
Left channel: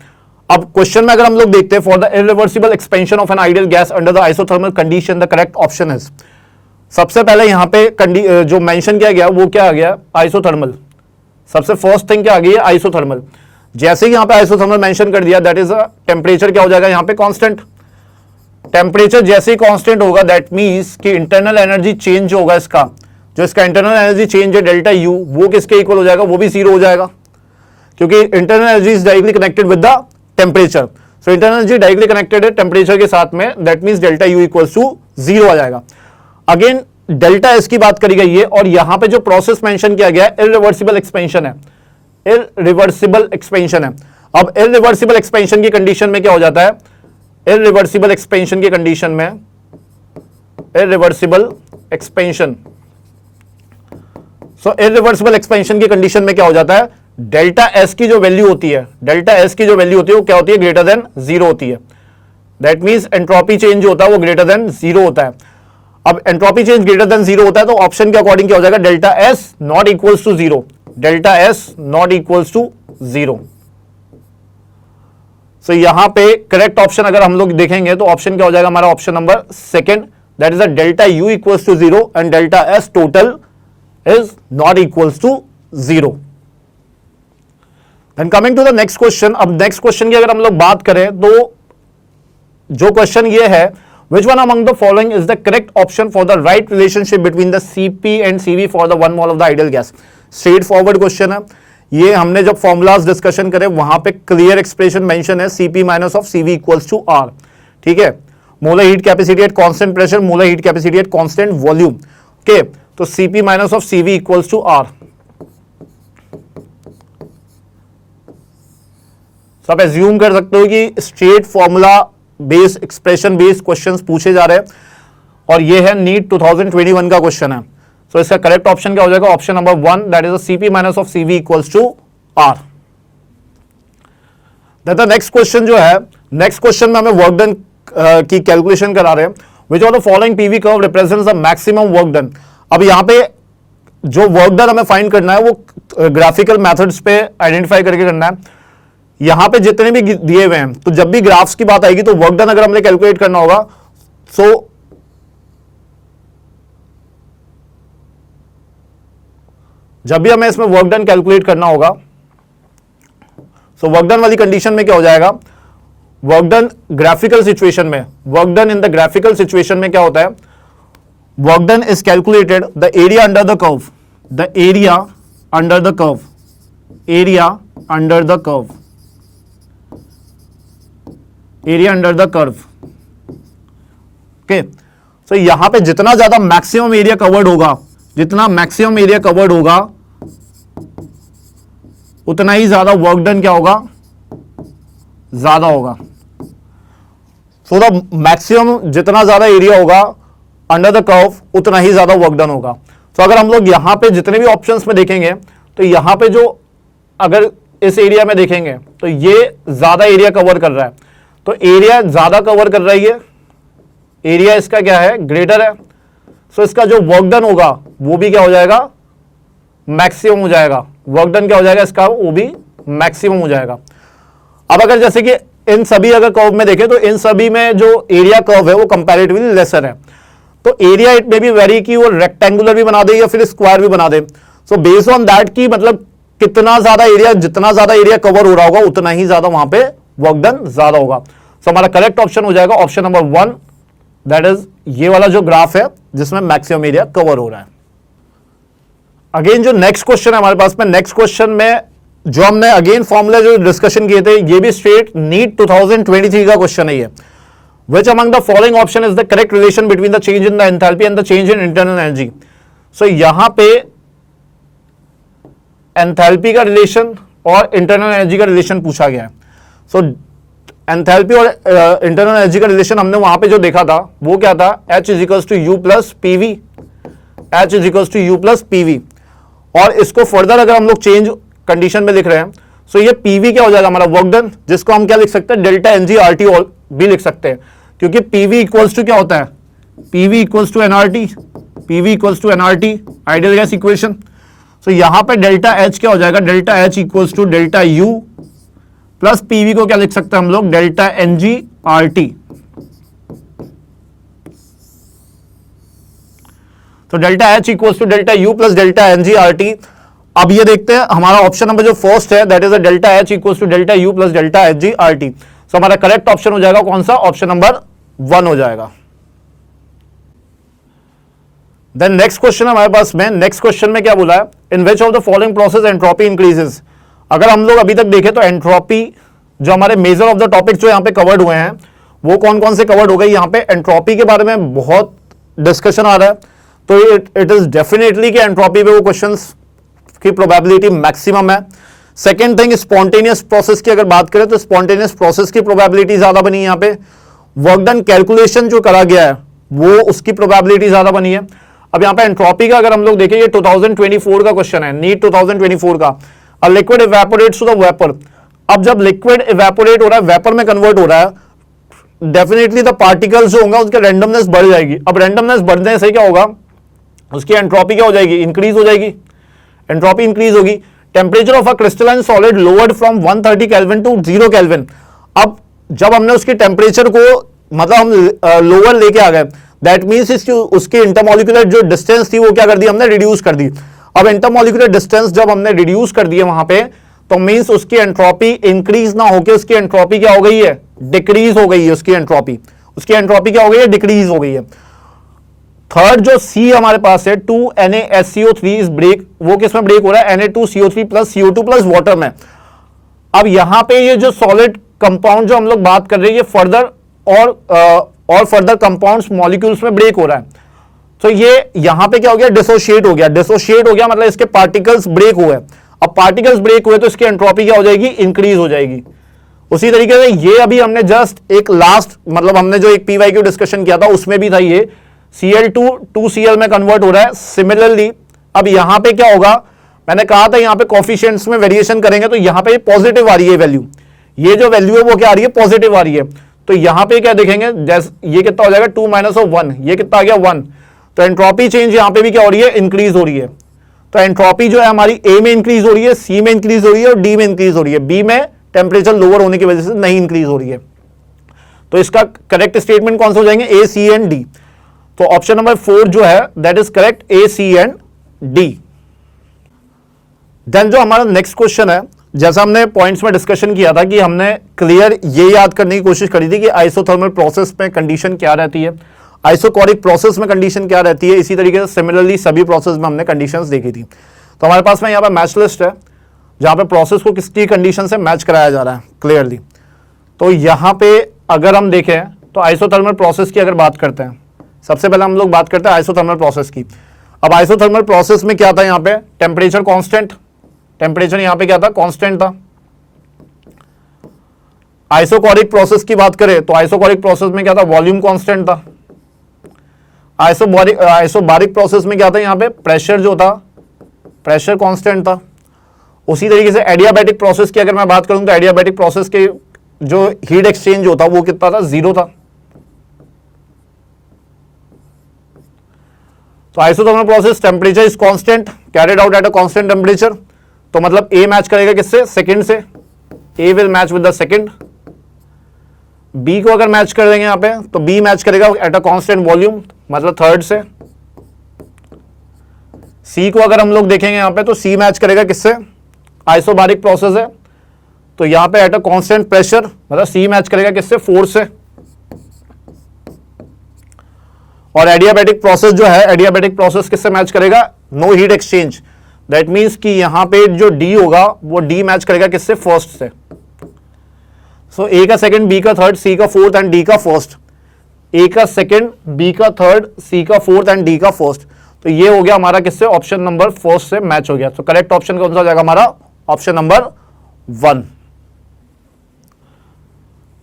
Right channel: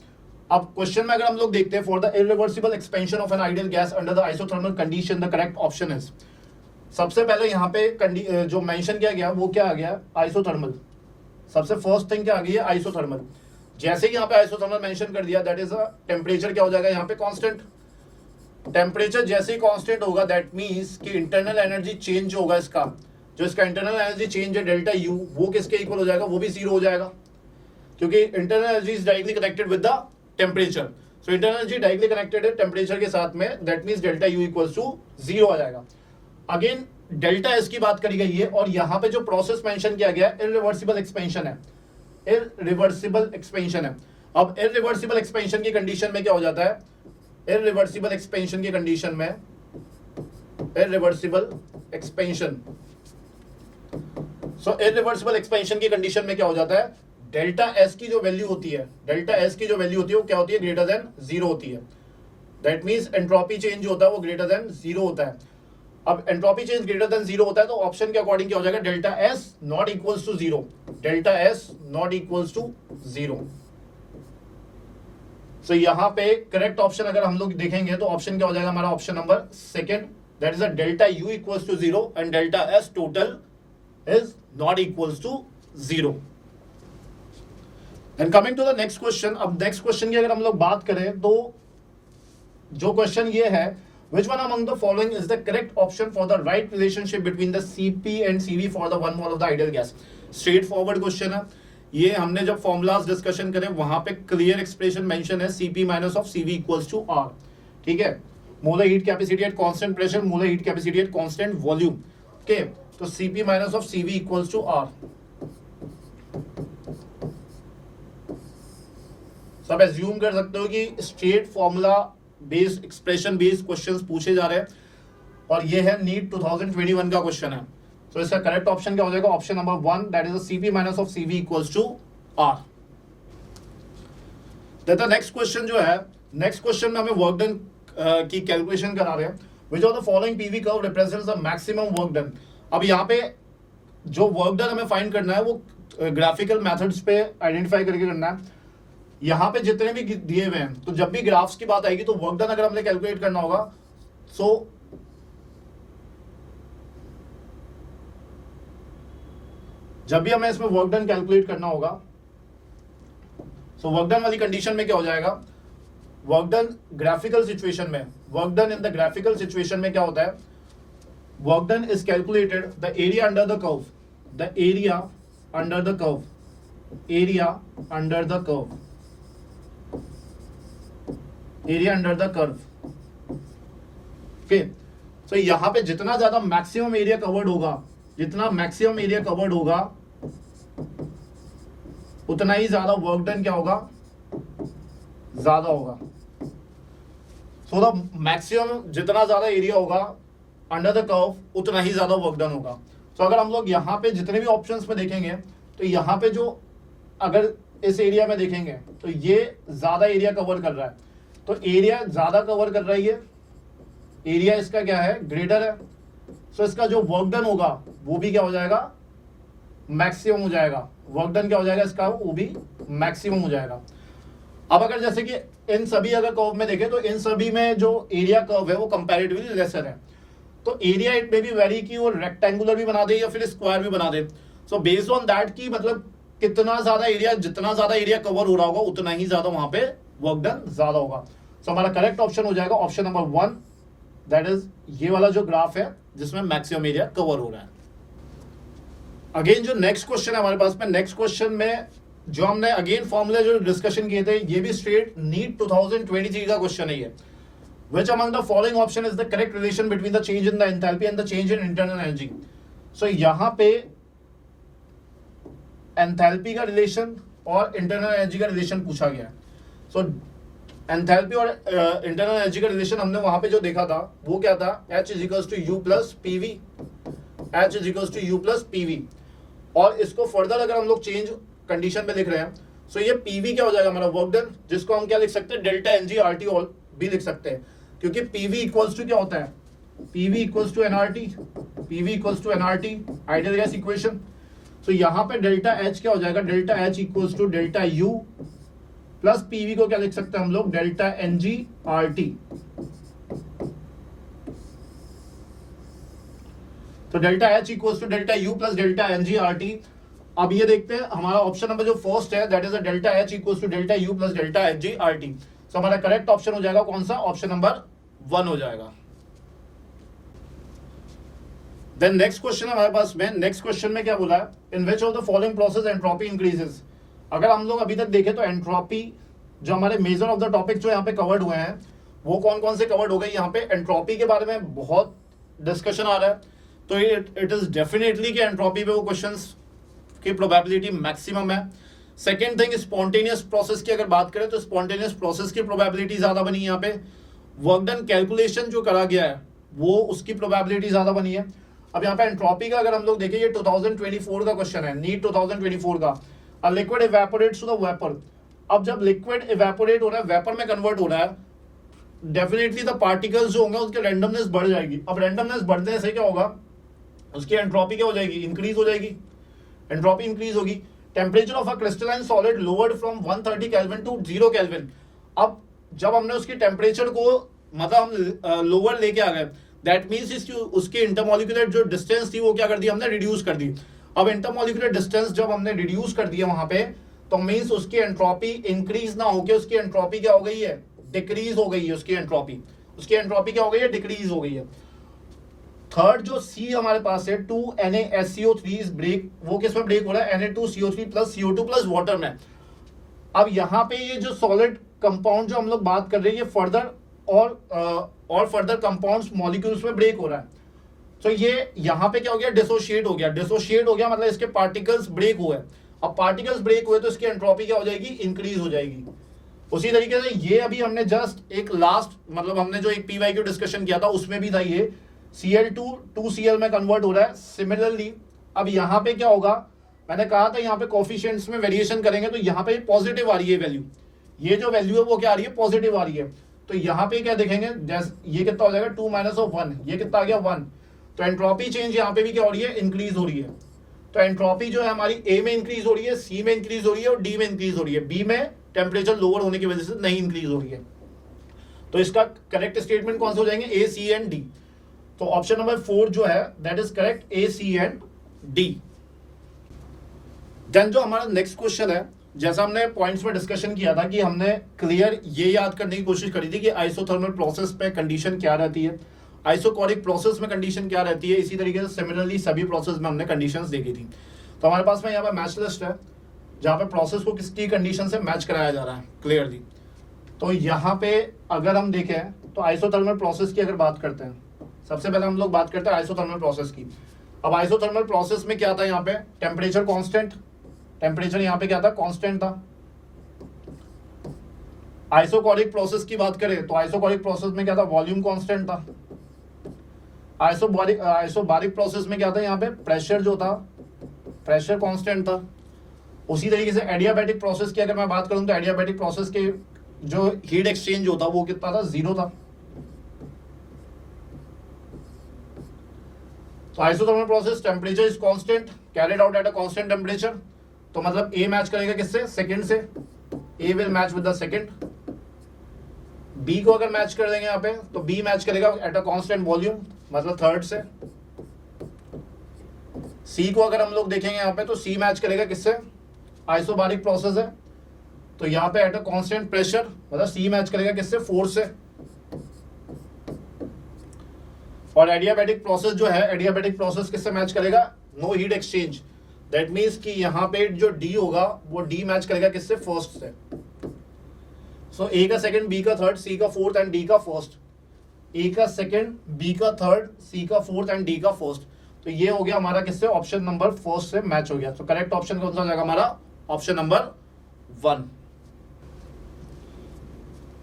अब क्वेश्चन में अगर हम लोग देखते हैं, for the irreversible expansion of an ideal gas under the isothermal condition, the correct option is, सबसे पहले यहां पे जो मेंशन किया गया वो क्या आ गया, आइसोथर्मल। सबसे फर्स्ट थिंग क्या आ गई है, आइसोथर्मल। जैसे ही यहां पे आइसोथर्मल मेंशन कर दिया, दैट इज टेम्परेचर क्या हो जाएगा यहां पे, कांस्टेंट। टेम्परेचर जैसे ही कांस्टेंट होगा दैट मींस कि इंटरनल एनर्जी चेंज होगा, इसका जो इसका इंटरनल एनर्जी चेंज है डेल्टा यू, वो किसके इक्वल हो जाएगा, वो भी जीरो हो जाएगा, क्योंकि internal energy is directly connected with the temperature. So internal energy directly connected है टेम्परेचर के साथ में, that means delta U equals to zero आ जाएगा। अगेन डेल्टा एस की बात करी गई है, और यहां पे जो प्रोसेस मेंशन किया गया है इरिवर्सिबल एक्सपेंशन है, इरिवर्सिबल एक्सपेंशन है। अब इरिवर्सिबल एक्सपेंशन की कंडीशन में क्या हो जाता है, इरिवर्सिबल एक्सपेंशन की कंडीशन में, इरिवर्सिबल एक्सपेंशन, सो इरिवर्सिबल एक्सपेंशन की कंडीशन में क्या हो जाता है, डेल्टा एस की जो वैल्यू होती है, डेल्टा एस की जो वैल्यू होती है वो क्या होती है, ग्रेटर देन जीरो होती है। दैट मींस एंट्रोपी चेंज होता है वो ग्रेटर देन जीरो होता है। अब entropy change greater than zero होता है तो ऑप्शन के अकॉर्डिंग क्या हो जाएगा, delta S not equals to zero, delta S not equals to zero. So यहां पे करेक्ट ऑप्शन अगर हम लोग देखेंगे तो ऑप्शन क्या हो जाएगा हमारा, option number 2, that is a delta U equals to zero and delta S total is not equals to 0। And coming to the next question, अब नेक्स्ट क्वेश्चन की अगर हम लोग बात करें तो जो क्वेश्चन ये है, which one among the following is the correct option for the right relationship between the Cp and Cv for the 1 mole of the ideal gas? Straightforward question है ये, हमने जब फॉर्मूलाज डिस्कशन करे वहां पे clear expression mention है, Cp minus of Cv equals to R, ठीक है। Molar heat capacity at constant pressure, molar heat capacity at constant volume, okay. तो Cp minus of Cv equals to R। तो आप assume कर सकते हो कि straight formula based expression based questions पूछे जा रहे हैं, और ये है नीट 2021 का क्वेश्चन है। सो इसका करेक्ट ऑप्शन क्या हो जाएगा? Option number 1, that is Cp minus of Cv equals to R। The next question जो है, नेक्स्ट क्वेश्चन में हमें वर्क डन की कैलकुलेशन करा रहे हैं। विच of the following PV curve represents the maximum work done. अब यहां पे जो वर्क डन हमें फाइंड करना है वो ग्राफिकल मेथड्स पे आइडेंटिफाई करके करना है। यहां पे जितने भी दिए हुए हैं, तो जब भी ग्राफ्स की बात आएगी तो वर्क डन अगर हमने कैलकुलेट करना होगा, सो जब भी हमें इसमें वर्क डन कैलकुलेट करना होगा, सो वर्क डन वाली कंडीशन में क्या हो जाएगा? वर्क डन ग्राफिकल सिचुएशन में, work done in the graphical situation में क्या होता है? Work done is calculated the area under the curve, the area under the curve, area under the curve, area under the curve, okay. So यहां पे जितना ज्यादा maximum area covered होगा, जितना मैक्सिमम एरिया कवर्ड होगा उतना ही ज्यादा वर्क डन क्या होगा? ज्यादा होगा। सो द मैक्सिमम जितना ज्यादा एरिया होगा अंडर द कर्व उतना ही ज्यादा वर्क डन होगा। तो अगर हम लोग यहां पे जितने भी ऑप्शंस में देखेंगे तो यहां पे जो अगर इस एरिया में देखेंगे तो ये ज्यादा एरिया कवर कर रहा है, तो एरिया ज्यादा कवर कर रही है, एरिया इसका क्या है? ग्रेटर है। सो इसका जो वर्क डन होगा वो भी क्या हो जाएगा? मैक्सिमम हो जाएगा। वर्क डन क्या हो जाएगा इसका? वो भी मैक्सिमम हो जाएगा। अब अगर जैसे कि इन सभी अगर कर्व में देखें तो इन सभी में जो एरिया कर्व है वो कंपैरेटिवली लेसर है, तो एरिया इट में भी वेरी की वो रेक्टेंगुलर भी बना दे या फिर स्क्वायर भी बना दे। सो बेस्ड ऑन दैट की मतलब कितना ज्यादा एरिया, जितना ज्यादा एरिया कवर हो रहा होगा उतना ही ज्यादा वहां पे वर्क डन ज्यादा होगा। सो हमारा करेक्ट ऑप्शन हो जाएगा ऑप्शन नंबर 1, दैट इज ये वाला जो ग्राफ है जिसमें मैक्सिमम एरिया कवर हो रहा है। अगेन जो नेक्स्ट क्वेश्चन है हमारे पास में, नेक्स्ट क्वेश्चन में जो हमने अगेन फॉर्मूला जो डिस्कशन किए थे, ये भी स्ट्रेट नीट 2023 का क्वेश्चन है ये। Which among the following option is the correct relation between the change in the enthalpy and the change in internal energy? So यहां पे एंथैल्पी का रिलेशन और इंटरनल एनर्जी का रिलेशन पूछा गया है। सो एंथैल्पी और इंटरनल एनर्जी का रिलेशन हमने वहां पे जो देखा था वो क्या था? H is equals to U plus PV, H is equals to U plus PV. और इसको फर्दर अगर हम लोग चेंज कंडीशन में लिख रहे हैं, सो ये पीवी क्या हो जाएगा? हमारा वर्क डन, जिसको हम क्या लिख सकते हैं? डेल्टा एनजी आरटी ऑल भी लिख सकते हैं, क्योंकि पीवी इक्वल्स टू क्या होता है? PV equals to nRT, PV equals to nRT ideal gas equation. So यहां पे डेल्टा एच क्या हो जाएगा? Delta H equals to delta U plus PV को क्या लिख सकते हैं हम लोग? Delta ng RT. तो delta H equals to delta U plus delta ng RT. अब ये देखते हैं हमारा ऑप्शन नंबर जो फर्स्ट है, that is delta H equals to delta U plus delta ng RT. So हमारा करेक्ट ऑप्शन हो जाएगा कौन सा? ऑप्शन नंबर 1 हो जाएगा। देन नेक्स्ट क्वेश्चन हमारे पास में, नेक्स्ट क्वेश्चन में क्या बोला है? In which of the following process entropy increases. अगर हम लोग अभी तक देखें तो एंट्रोपी जो हमारे मेजर ऑफ द टॉपिक्स जो यहाँ पे कवर्ड हुए हैं वो कौन कौन से कवर्ड हो गए? यहाँ पे एंट्रोपी के बारे में बहुत डिस्कशन आ रहा है, तो इट इज डेफिनेटली कि एंट्रोपी पे वो क्वेश्चंस की प्रोबेबिलिटी मैक्सिमम है। सेकेंड थिंग, स्पॉन्टेनियस प्रोसेस की अगर बात करें तो स्पॉन्टेनियस प्रोसेस की प्रोबेबिलिटी ज्यादा बनी है। यहाँ पे वर्क डन कैलकुलेशन जो करा गया है वो उसकी प्रोबेबिलिटी ज्यादा बनी है। अब यहाँ पे एंट्रोपी का अगर हम लोग देखें, ये 2024 का क्वेश्चन है, नीट 2024 का। A liquid evaporates to the vapour. अब जब लिक्विड इवेपोरेट हो रहा है, वेपर में कन्वर्ट हो रहा है, डेफिनेटली द पार्टिकल्स जो होंगे उसकी रैंडमनेस बढ़ जाएगी। अब रैंडमनेस बढ़ने से क्या होगा? उसकी एंट्रोपी क्या हो जाएगी? इंक्रीज हो जाएगी, एंट्रोपी इंक्रीज होगी। Temperature of a crystalline solid lowered from 130 kelvin to 0 kelvin. अब जब हमने उसके टेम्परेचर को मतलब हम लोअर लेके आ गए, दैट मीन्स उसकी इंटरमोलिकुलर जो डिस्टेंस थी वो क्या कर दी? हमने रिड्यूस कर दी। अब इंटरमॉलिक्यूलर डिस्टेंस जब हमने रिड्यूस कर दिया वहां पे, तो मींस उसकी एंट्रोपी इंक्रीज ना होकर उसकी एंट्रोपी क्या हो गई है, डिक्रीज हो गई है। उसकी एंट्रोपी क्या हो गई है, डिक्रीज हो गई है। थर्ड जो सी हमारे पास है 2NaSCO3 इज ब्रेक, वो किसमें ब्रेक हो रहा है, Na2CO3 plus CO2 plus water में। अब यहां पे ये जो सॉलिड कंपाउंड जो हम लोग बात कर रहे हैं, ये फर्दर और फर्दर कंपाउंड्स मॉलिक्यूल्स में ब्रेक हो रहा है। तो ये यहां पे क्या हो गया, डिसोशिएट हो गया, मतलब इसके पार्टिकल्स ब्रेक हुए। अब पार्टिकल्स ब्रेक हुए तो इसकी एंट्रोपी क्या हो जाएगी, इंक्रीज हो जाएगी। उसी तरीके से ये अभी हमने जस्ट एक लास्ट, मतलब हमने जो एक PYQ डिस्कशन किया था उसमें भी था, ये Cl2 2Cl में कन्वर्ट हो रहा है। सिमिलरली अब यहां पे क्या होगा, मैंने कहा था यहां पे कोफिशिएंट्स में वेरिएशन करेंगे तो यहां पे पॉजिटिव आ रही है वैल्यू, ये जो वैल्यू है वो क्या आ रही है, पॉजिटिव आ रही है। तो यहां पे क्या देखेंगे, जैसे ये कितना हो जाएगा 2 - 1, ये कितना आ गया 1। तो एंट्रोपी चेंज यहां पे भी क्या हो रही है, इंक्रीज हो रही है। तो एंट्रोपी जो है हमारी ए में इंक्रीज हो रही है, सी में इंक्रीज हो रही है और डी में इंक्रीज हो रही है। बी में टेम्परेचर लोअर होने की वजह से नहीं इंक्रीज हो रही है। तो इसका करेक्ट स्टेटमेंट कौन से हो जाएंगे, ए, सी एंड डी। तो ऑप्शन नंबर 4 जो है that is correct, A, C and D. Then जो हमारा नेक्स्ट क्वेश्चन है, जैसा हमने पॉइंट्स में डिस्कशन किया था कि हमने क्लियर ये याद करने की कोशिश करी थी कि आइसोथर्मल प्रोसेस में कंडीशन क्या रहती है, आइसोकोरिक प्रोसेस में कंडीशन क्या रहती है। इसी तरीके से सिमिलरली सभी प्रोसेस में हमने कंडीशंस देखी थी। तो हमारे पास में यहाँ पे मैच लिस्ट है जहाँ पे प्रोसेस को किसकी कंडीशन से मैच कराया जा रहा है क्लियरली। तो यहाँ पे अगर हम देखें तो आइसोथर्मल प्रोसेस की अगर बात करते हैं, सबसे पहले हम लोग बात करते हैं आइसोथर्मल प्रोसेस की। अब आइसोथर्मल प्रोसेस में क्या था, यहाँ पे टेम्परेचर कांस्टेंट, टेम्परेचर यहाँ पे क्या था, कांस्टेंट था। आइसोकोरिक प्रोसेस की बात करें तो आइसोकोरिक प्रोसेस में क्या था, वॉल्यूम कांस्टेंट था। आइसोबारिक प्रोसेस में क्या था, यहाँ पे प्रेशर जो था, प्रेशर कांस्टेंट था। उसी तरीके से एडियाबैटिक प्रोसेस की अगर मैं बात करूं तो एडियाबैटिक प्रोसेस के जो हीट एक्सचेंज होता वो कितना था, 0 था। तो isothermal process temperature is constant, carried out at a constant temperature. तो मतलब ए मैच करेगा किससे, सेकंड से, A will match with the second. B को अगर मैच कर देंगे यहाँ पे तो बी मैच करेगा एट अ कांस्टेंट वॉल्यूम, मतलब थर्ड से। सी को अगर हम लोग देखेंगे यहाँ पे तो सी मैच करेगा किससे, आइसोबारिक प्रोसेस है तो यहाँ पे एट अ कांस्टेंट प्रेशर, मतलब सी मैच करेगा किससे, फोर्स से। और एडियाबैटिक प्रोसेस जो है, एडियाबैटिक प्रोसेस किससे मैच करेगा, no heat exchange. That means कि यहां पे जो डी होगा वो डी मैच करेगा किससे, फर्स्ट से। सो ए का सेकंड, बी का थर्ड, सी का फोर्थ एंड डी का फर्स्ट। ए का सेकंड, बी का थर्ड, सी का फोर्थ एंड डी का फर्स्ट। तो ये हो गया हमारा किससे, ऑप्शन नंबर फर्स्ट से मैच हो गया। तो करेक्ट ऑप्शन कौन सा हो जाएगा हमारा, option number 1।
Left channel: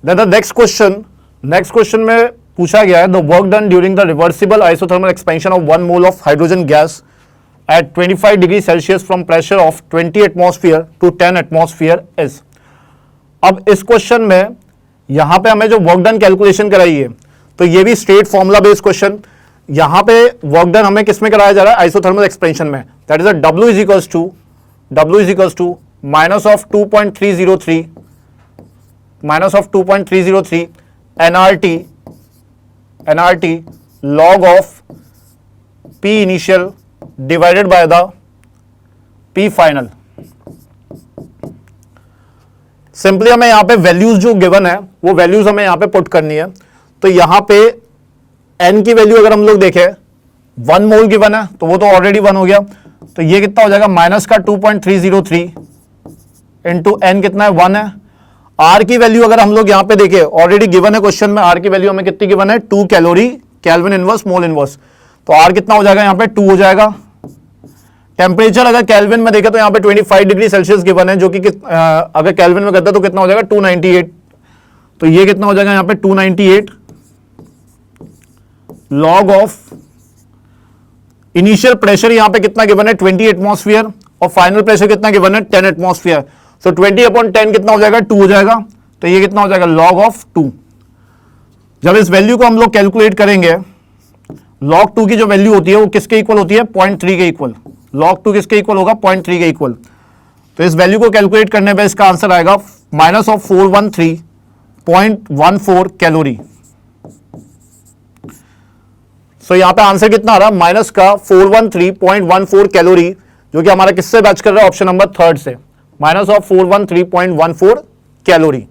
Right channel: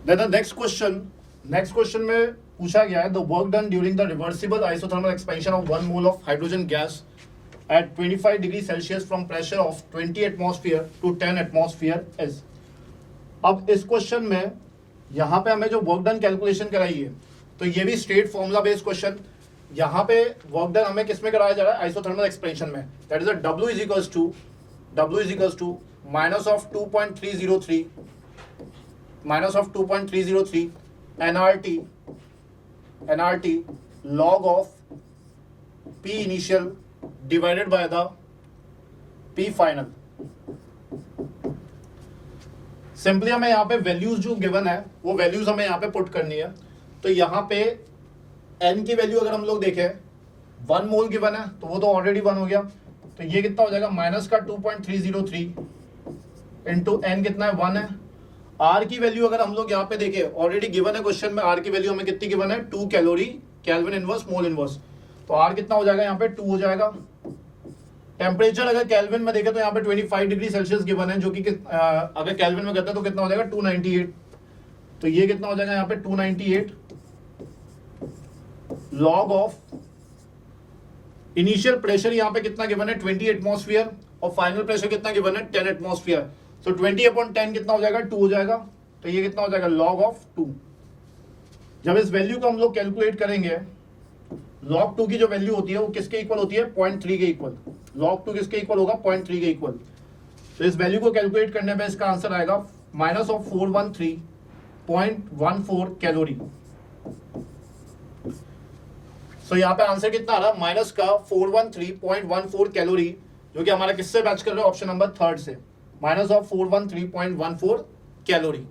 The next question में पूछा गया है, the work done during the reversible isothermal expansion of 1 mole of hydrogen gas at 25 degrees Celsius from pressure of 20 atmosphere to 10 atmosphere is। अब इस क्वेश्चन में यहां पे हमें जो वर्क डन कैलकुलेशन कराई है, तो ये भी स्ट्रेट फॉर्मूला बेस्ड क्वेश्चन। यहां पे वर्क डन हमें किस में कराया जा रहा है, आइसोथर्मल एक्सपेंशन में। That is a W is equals to minus of 2.303 nRT log of P initial divided by the P final. Simply हमें यहां पे वैल्यूज जो गिवन है वो वैल्यूज हमें यहां पे पुट करनी है। तो यहां पे n की वैल्यू अगर हम लोग देखें 1 मोल गिवन है तो वो तो ऑलरेडी 1 हो गया। तो ये कितना हो जाएगा, माइनस का 2.303 इंटू n कितना है, 1 है। r की वैल्यू अगर हम लोग यहां पे देखें, ऑलरेडी गिवन है क्वेश्चन में, r की वैल्यू हमें कितनी गिवन है, 2 calorie kelvin inverse mole inverse. तो R कितना हो जाएगा, यहाँ पे 2 हो जाएगा। टेम्परेचर अगर केल्विन में देखें तो यहाँ पे 25 डिग्री सेल्सियस गिवन है, जो कि अगर केल्विन में करते हैं तो कितना हो जाएगा, 298। तो ये कितना हो जाएगा यहाँ पे 298 लॉग ऑफ इनिशियल प्रेशर यहाँ पे कितना गिवन है, 20 एटमॉस्फेयर, और फाइनल प्रेशर कितना गिवन है, 10 एटमॉस्फेयर। तो 20/10 कितना हो जाएगा, 2 हो जाएगा। तो ये कितना हो जाएगा, लॉग ऑफ 2। जब इस वैल्यू को हम लोग कैलकुलेट करेंगे, log 2 की जो वैल्यू होती है वो किसके इक्वल होती है, 0.3 के इक्वल। log 2 किसके इक्वल होगा, 0.3 के इक्वल। तो इस वैल्यू को कैलकुलेट करने पे इसका आंसर आएगा माइनस ऑफ 413.14 कैलोरी। सो यहां पे आंसर कितना आ रहा है, माइनस का 413.14 कैलोरी, जो कि हमारा किससे मैच कर रहा है, ऑप्शन नंबर थर्ड से, -413.14 calorie.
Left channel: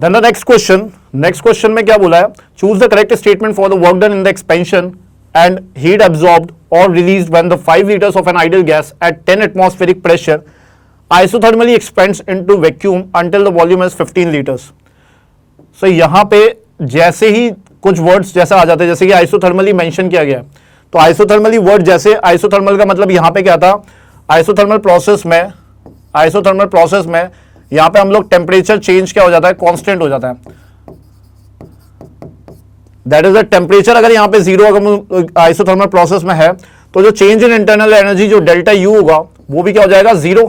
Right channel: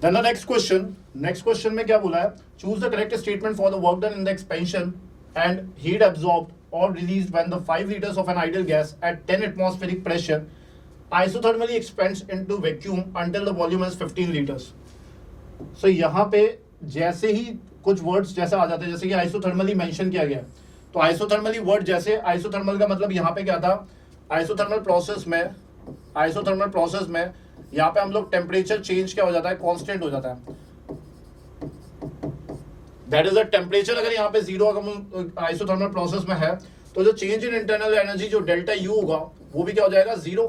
Then the next question में क्या बोला है, choose the correct statement for the work done in the expansion and heat absorbed or released when the 5 liters of an ideal gas at 10 atmospheric pressure isothermally expands into vacuum until the volume is 15 liters। So यहाँ पे जैसे ही कुछ words जैसा आ जाते हैं, जैसे कि isothermally mention किया गया, तो आइसोथर्मली वर्ड जैसे, आइसोथर्मल का मतलब यहाँ पे क्या था, आइसोथर्मल प्रोसेस में यहां पे हम लोग टेम्परेचर चेंज क्या हो जाता है, कांस्टेंट हो जाता है। दैट इज द टेम्परेचर अगर यहां पे जीरो अगर आइसोथर्मल प्रोसेस में है, तो जो चेंज इन इंटरनल एनर्जी जो डेल्टा यू होगा वो भी क्या हो जाएगा, जीरो,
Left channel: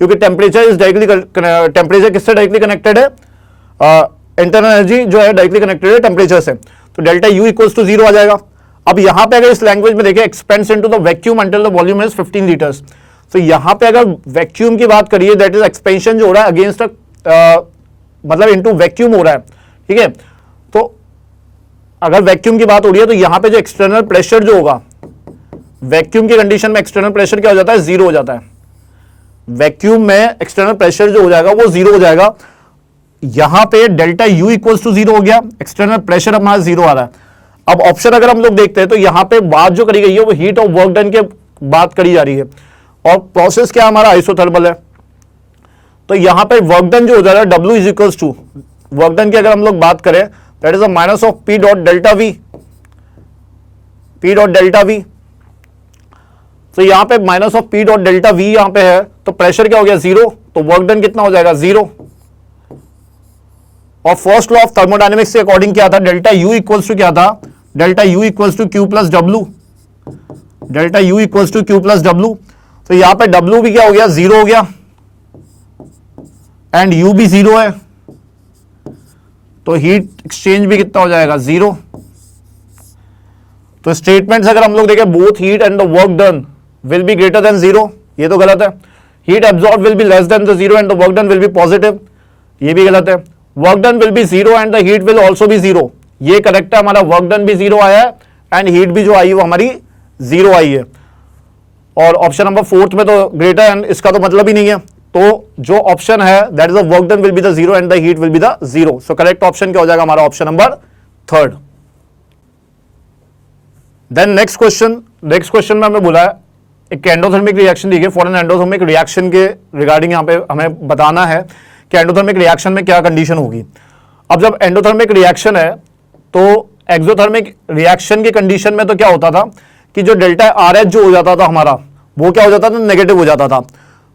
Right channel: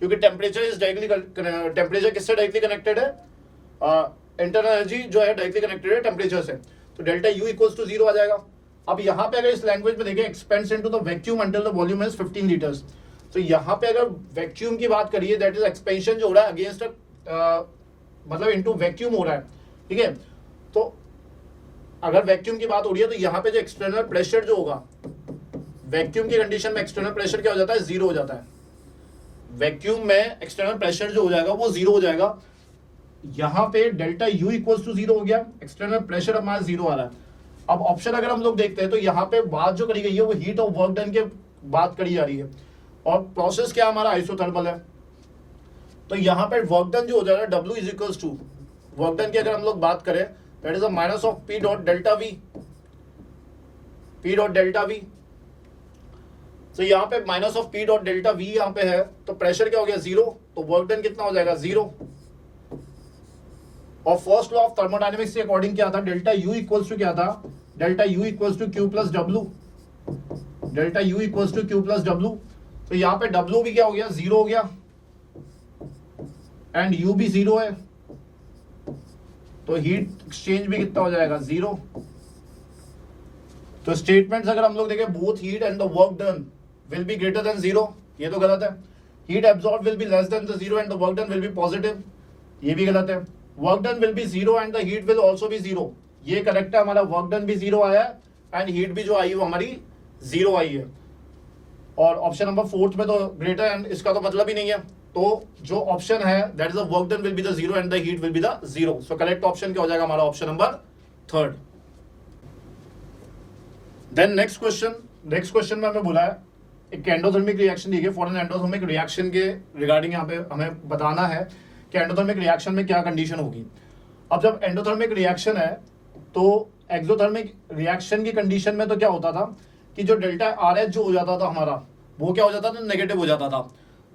क्योंकि टेम्परेचर इज डायरेक्टली, टेम्परेचर किससे डायरेक्टली कनेक्टेड है, इंटरनल एनर्जी जो है डायरेक्टली कनेक्टेड है टेम्परेचर से, तो delta U equals to zero आ जाएगा। अब यहां पे अगर इस लैंग्वेज में देखें, expands into the vacuum until the volume is 15 litres, तो यहां पे अगर वैक्यूम की बात करिए, दैट इज एक्सपेंशन जो हो रहा है अगेंस्ट मतलब इनटू वैक्यूम हो रहा है, ठीक है। तो अगर वैक्यूम की बात हो रही है, तो यहां पे जो एक्सटर्नल प्रेशर जो होगा, वैक्यूम की कंडीशन में एक्सटर्नल प्रेशर क्या हो जाता है, जीरो हो जाता है। वैक्यूम में एक्सटर्नल प्रेशर जो हो जाएगा वो जीरो हो जाएगा। यहां पे delta U equals to zero हो गया, एक्सटर्नल प्रेशर हमारा जीरो आ रहा है। अब ऑप्शन अगर हम लोग देखते हैं, तो यहां पे बात जो करी गई है वो हीट ऑफ वर्क डन के बात करी जा रही है, और प्रोसेस क्या हमारा आइसोथर्मल है। तो यहां पे वर्क डन जो हो जा रहा है, W is equals to work done की अगर हम लोग बात करें, that is a minus of P dot delta V। तो यहां पे minus of P dot delta V यहां पे है, तो प्रेशर क्या हो गया, जीरो, तो वर्क डन कितना हो जाएगा, जीरो। और फर्स्ट लॉ ऑफ थर्मोडायनेमिक्स के अकॉर्डिंग क्या था, डेल्टा U इक्वल्स टू क्या था, delta U equals to Q plus W, delta U equals to Q plus W। तो यहां पे W भी क्या हो गया, जीरो हो गया, एंड U भी जीरो है, तो हीट एक्सचेंज भी कितना हो जाएगा, जीरो। तो स्टेटमेंट्स अगर हम लोग देखें, both heat and the work done will be greater than zero, ये तो गलत है। Heat absorb will be less then the zero and the work done will B positive, ये भी गलत है। Work done will B zero and the heat will also be zero, ये correct है। हमारा वर्क डन भी जीरो आया है एंड हीट भी जो आई है वो हमारी जीरो आई है। और ऑप्शन नंबर फोर्थ में तो ग्रेटर एंड इसका तो मतलब ही नहीं है, तो जो ऑप्शन है that is the work done will be the zero and the heat will be the zero. So correct option क्या हो जाएगा हमारा, option number third. Then next question में हमें बोला है एक एंडोथर्मिक रिएक्शन दी गई, फॉर एन एंडोथर्मिक रिएक्शन के रिगार्डिंग यहाँ पे हमें बताना है कि एंडोथर्मिक रिएक्शन में क्या कंडीशन होगी। अब जब एंडोथर्मिक रिएक्शन है, तो एक्सोथर्मिक रिएक्शन की कंडीशन में तो क्या होता था कि जो डेल्टा RH जो हो जाता था हमारा, वो क्या हो जाता था, नेगेटिव हो जाता था।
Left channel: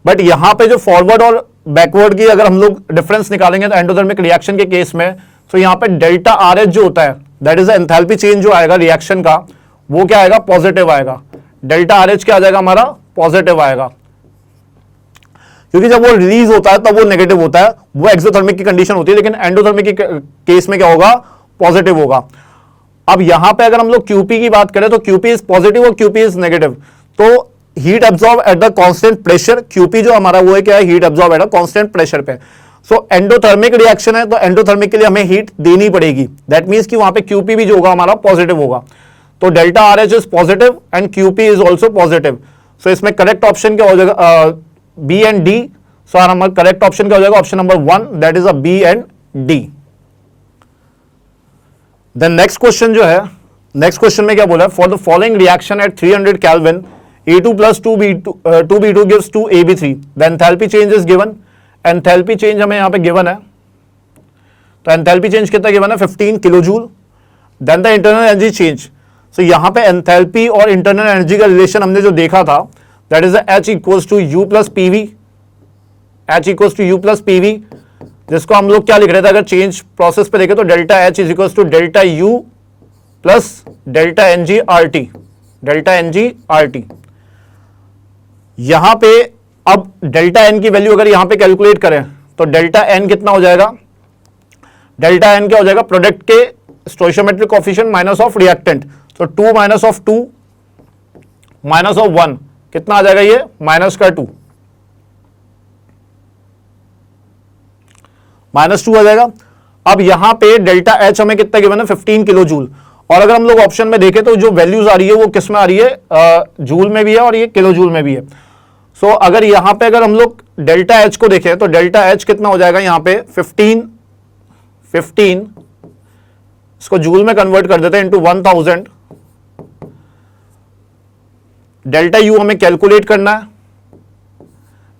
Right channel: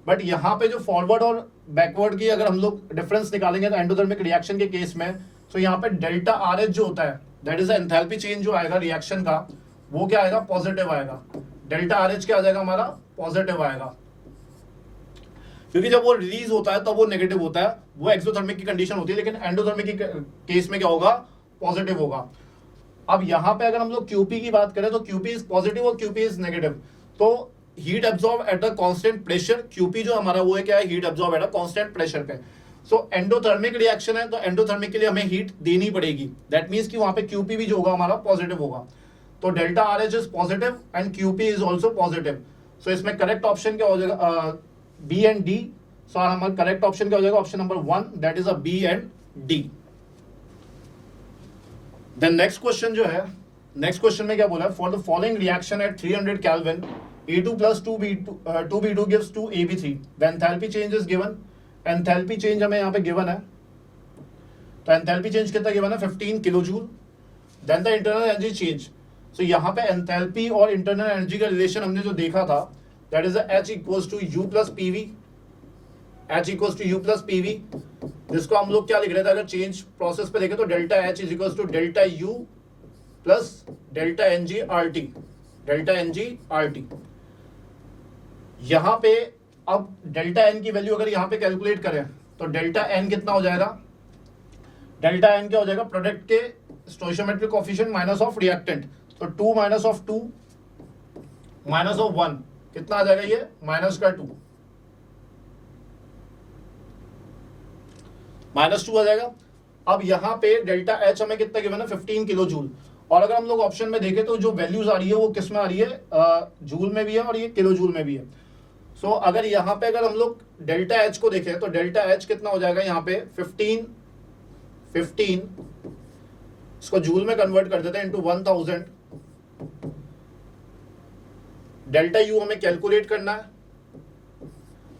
बट यहां पे जो फॉरवर्ड और बैकवर्ड की अगर हम लोग डिफरेंस निकालेंगे, तो एंडोथर्मिक रिएक्शन के केस में, तो यहां पे डेल्टा RH जो होता है, दैट इज एंथैल्पी चेंज जो आएगा रिएक्शन का, वो क्या आएगा, पॉजिटिव आएगा। डेल्टा RH क्या आ जाएगा हमारा, पॉजिटिव आएगा, क्योंकि जब वो रिलीज होता है तब वो नेगेटिव होता है, वो एक्सोथर्मिक की कंडीशन होती है। लेकिन एंडोथर्मिक की केस में क्या होगा, पॉजिटिव होगा। अब यहां पे अगर हम लोग QP की बात करें, तो QP इज पॉजिटिव और QP इज नेगेटिव। तो heat absorb at the constant pressure, QP जो हमारा वो है क्या है, heat absorb at the constant pressure पे। सो एंडोथर्मिक रिएक्शन है, तो एंडोथर्मिक के लिए हमें हीट देनी पड़ेगी। दैट मींस कि वहां पे QP भी जो होगा हमारा पॉजिटिव होगा। तो delta RH is positive and QP is also positive. So इसमें करेक्ट ऑप्शन क्या हो जाएगा, B एंड D। सो हमारा करेक्ट ऑप्शन क्या हो जाएगा, option number 1, that is a B and D। Then next question जो है, नेक्स्ट क्वेश्चन में क्या बोला है, for the following reaction at 300 kelvin A2 plus 2B2 gives 2AB3, the enthalpy change is given। Enthalpy change हमें यहां पे given है, तो एंथैल्पी चेंज कितना गिवन है, 15 kilo joule. Then the internal energy change, so यहां पे एंथैल्पी और इंटरनल एनर्जी का रिलेशन हमने जो देखा था, that is H equals to U plus PV, H equals to U plus PV, जिसको हम लोग क्या लिख रहे थे, अगर चेंज प्रोसेस पे देखें तो delta H is equals to delta U plus delta NG RT, delta NG RT। यहां पे अब डेल्टा N की वैल्यू अगर यहां पे कैलकुलेट करें, तो डेल्टा N कितना हो जाएगा, डेल्टा N क्या हो जाएगा, प्रोडक्ट के स्टोइचियोमेट्रिक कोएफिशिएंट माइनस ऑफ रिएक्टेंट, तो 2 माइनस ऑफ 2 माइनस ऑफ 1 कितना आ जाएगा, ये माइनस का 2, माइनस 2 आ जाएगा। अब यहां पे डेल्टा H हमें कितना गिवन है, 15 किलो जूल, और अगर हम लोग ऑप्शन में देखें तो जो वैल्यूज आ रही है वो किस में आ रही है, जूल में भी है और ये किलो जूल में भी है। सो अगर यहां पे अगर हम लोग डेल्टा एच को देखें तो डेल्टा एच कितना हो जाएगा यहां पे 15 इसको जूल में कन्वर्ट कर देते हैं इंटू 1000। डेल्टा यू हमें कैलकुलेट करना है,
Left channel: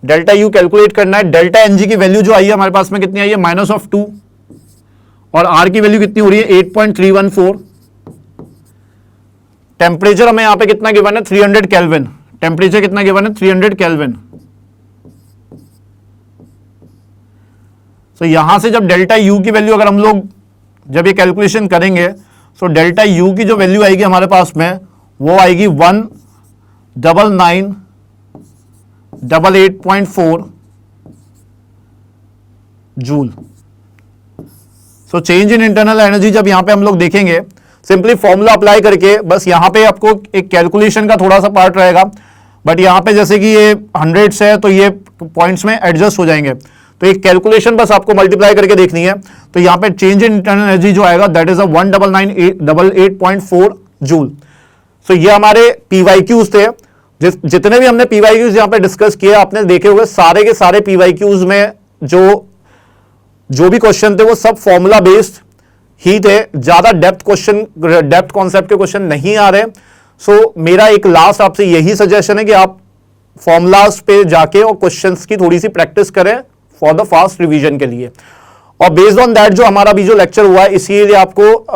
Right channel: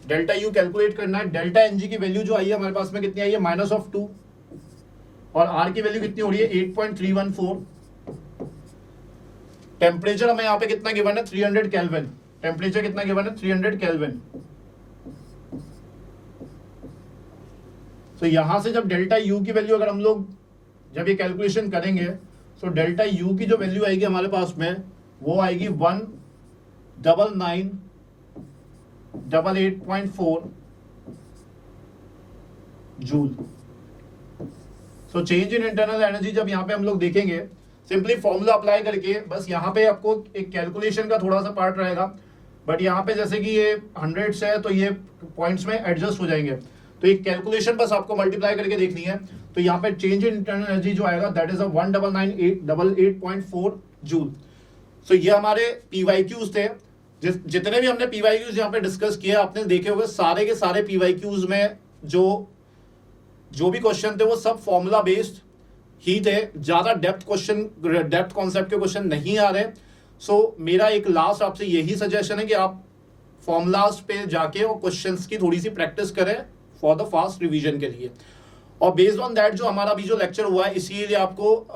डेल्टा यू कैलकुलेट करना है। डेल्टा एनजी की वैल्यू जो आई है हमारे पास में कितनी आई है -2 और आर की वैल्यू कितनी हो रही है 8.314। टेम्परेचर हमें यहां पे कितना गिवन है 300 केल्विन। टेम्परेचर कितना गिवन है 300 केल्विन। तो यहां से जब डेल्टा यू की वैल्यू अगर हम लोग जब ये कैलकुलेशन करेंगे तो डेल्टा यू की जो वैल्यू आएगी हमारे पास में वो आएगी 19988.4 joule. So change in internal energy जब यहां पे हम लोग देखेंगे सिंपली फॉर्मूला अप्लाई करके, बस यहां पे आपको एक कैलकुलेशन का थोड़ा सा पार्ट रहेगा, बट यहां पे जैसे कि ये 100 से है तो ये पॉइंट्स में एडजस्ट हो जाएंगे, तो एक कैलकुलेशन बस आपको मल्टीप्लाई करके देखनी है। तो यहां पे चेंज इन इंटरनल एनर्जी जो आएगा दैट इज 19988.4 जूल। सो ये हमारे पीवाईक्यूज थे। जितने भी हमने पीवाईक्यूज यहां पे डिस्कस किए आपने देखे होंगे, सारे के सारे पीवाईक्यूज में जो भी क्वेश्चन थे वो सब फॉर्मूला बेस्ड ही थे, ज्यादा डेप्थ कॉन्सेप्ट के क्वेश्चन नहीं आ रहे। सो मेरा एक लास्ट आपसे यही सजेशन है कि आप फॉर्मूलाज पे जाके और क्वेश्चंस की थोड़ी सी प्रैक्टिस करें फॉर द फास्ट रिवीजन के लिए। और बेस्ड ऑन दैट जो हमारा भी जो लेक्चर हुआ है इसीलिए आपको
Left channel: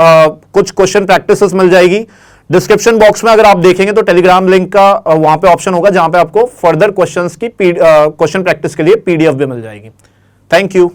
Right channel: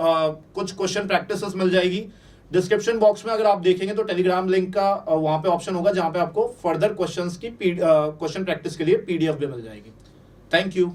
कुछ क्वेश्चन प्रैक्टिसेस मिल जाएगी। डिस्क्रिप्शन बॉक्स में अगर आप देखेंगे तो टेलीग्राम लिंक का वहां पे ऑप्शन होगा जहां पे आपको फर्दर क्वेश्चंस की क्वेश्चन प्रैक्टिस के लिए पीडीएफ भी मिल जाएगी। Thank you.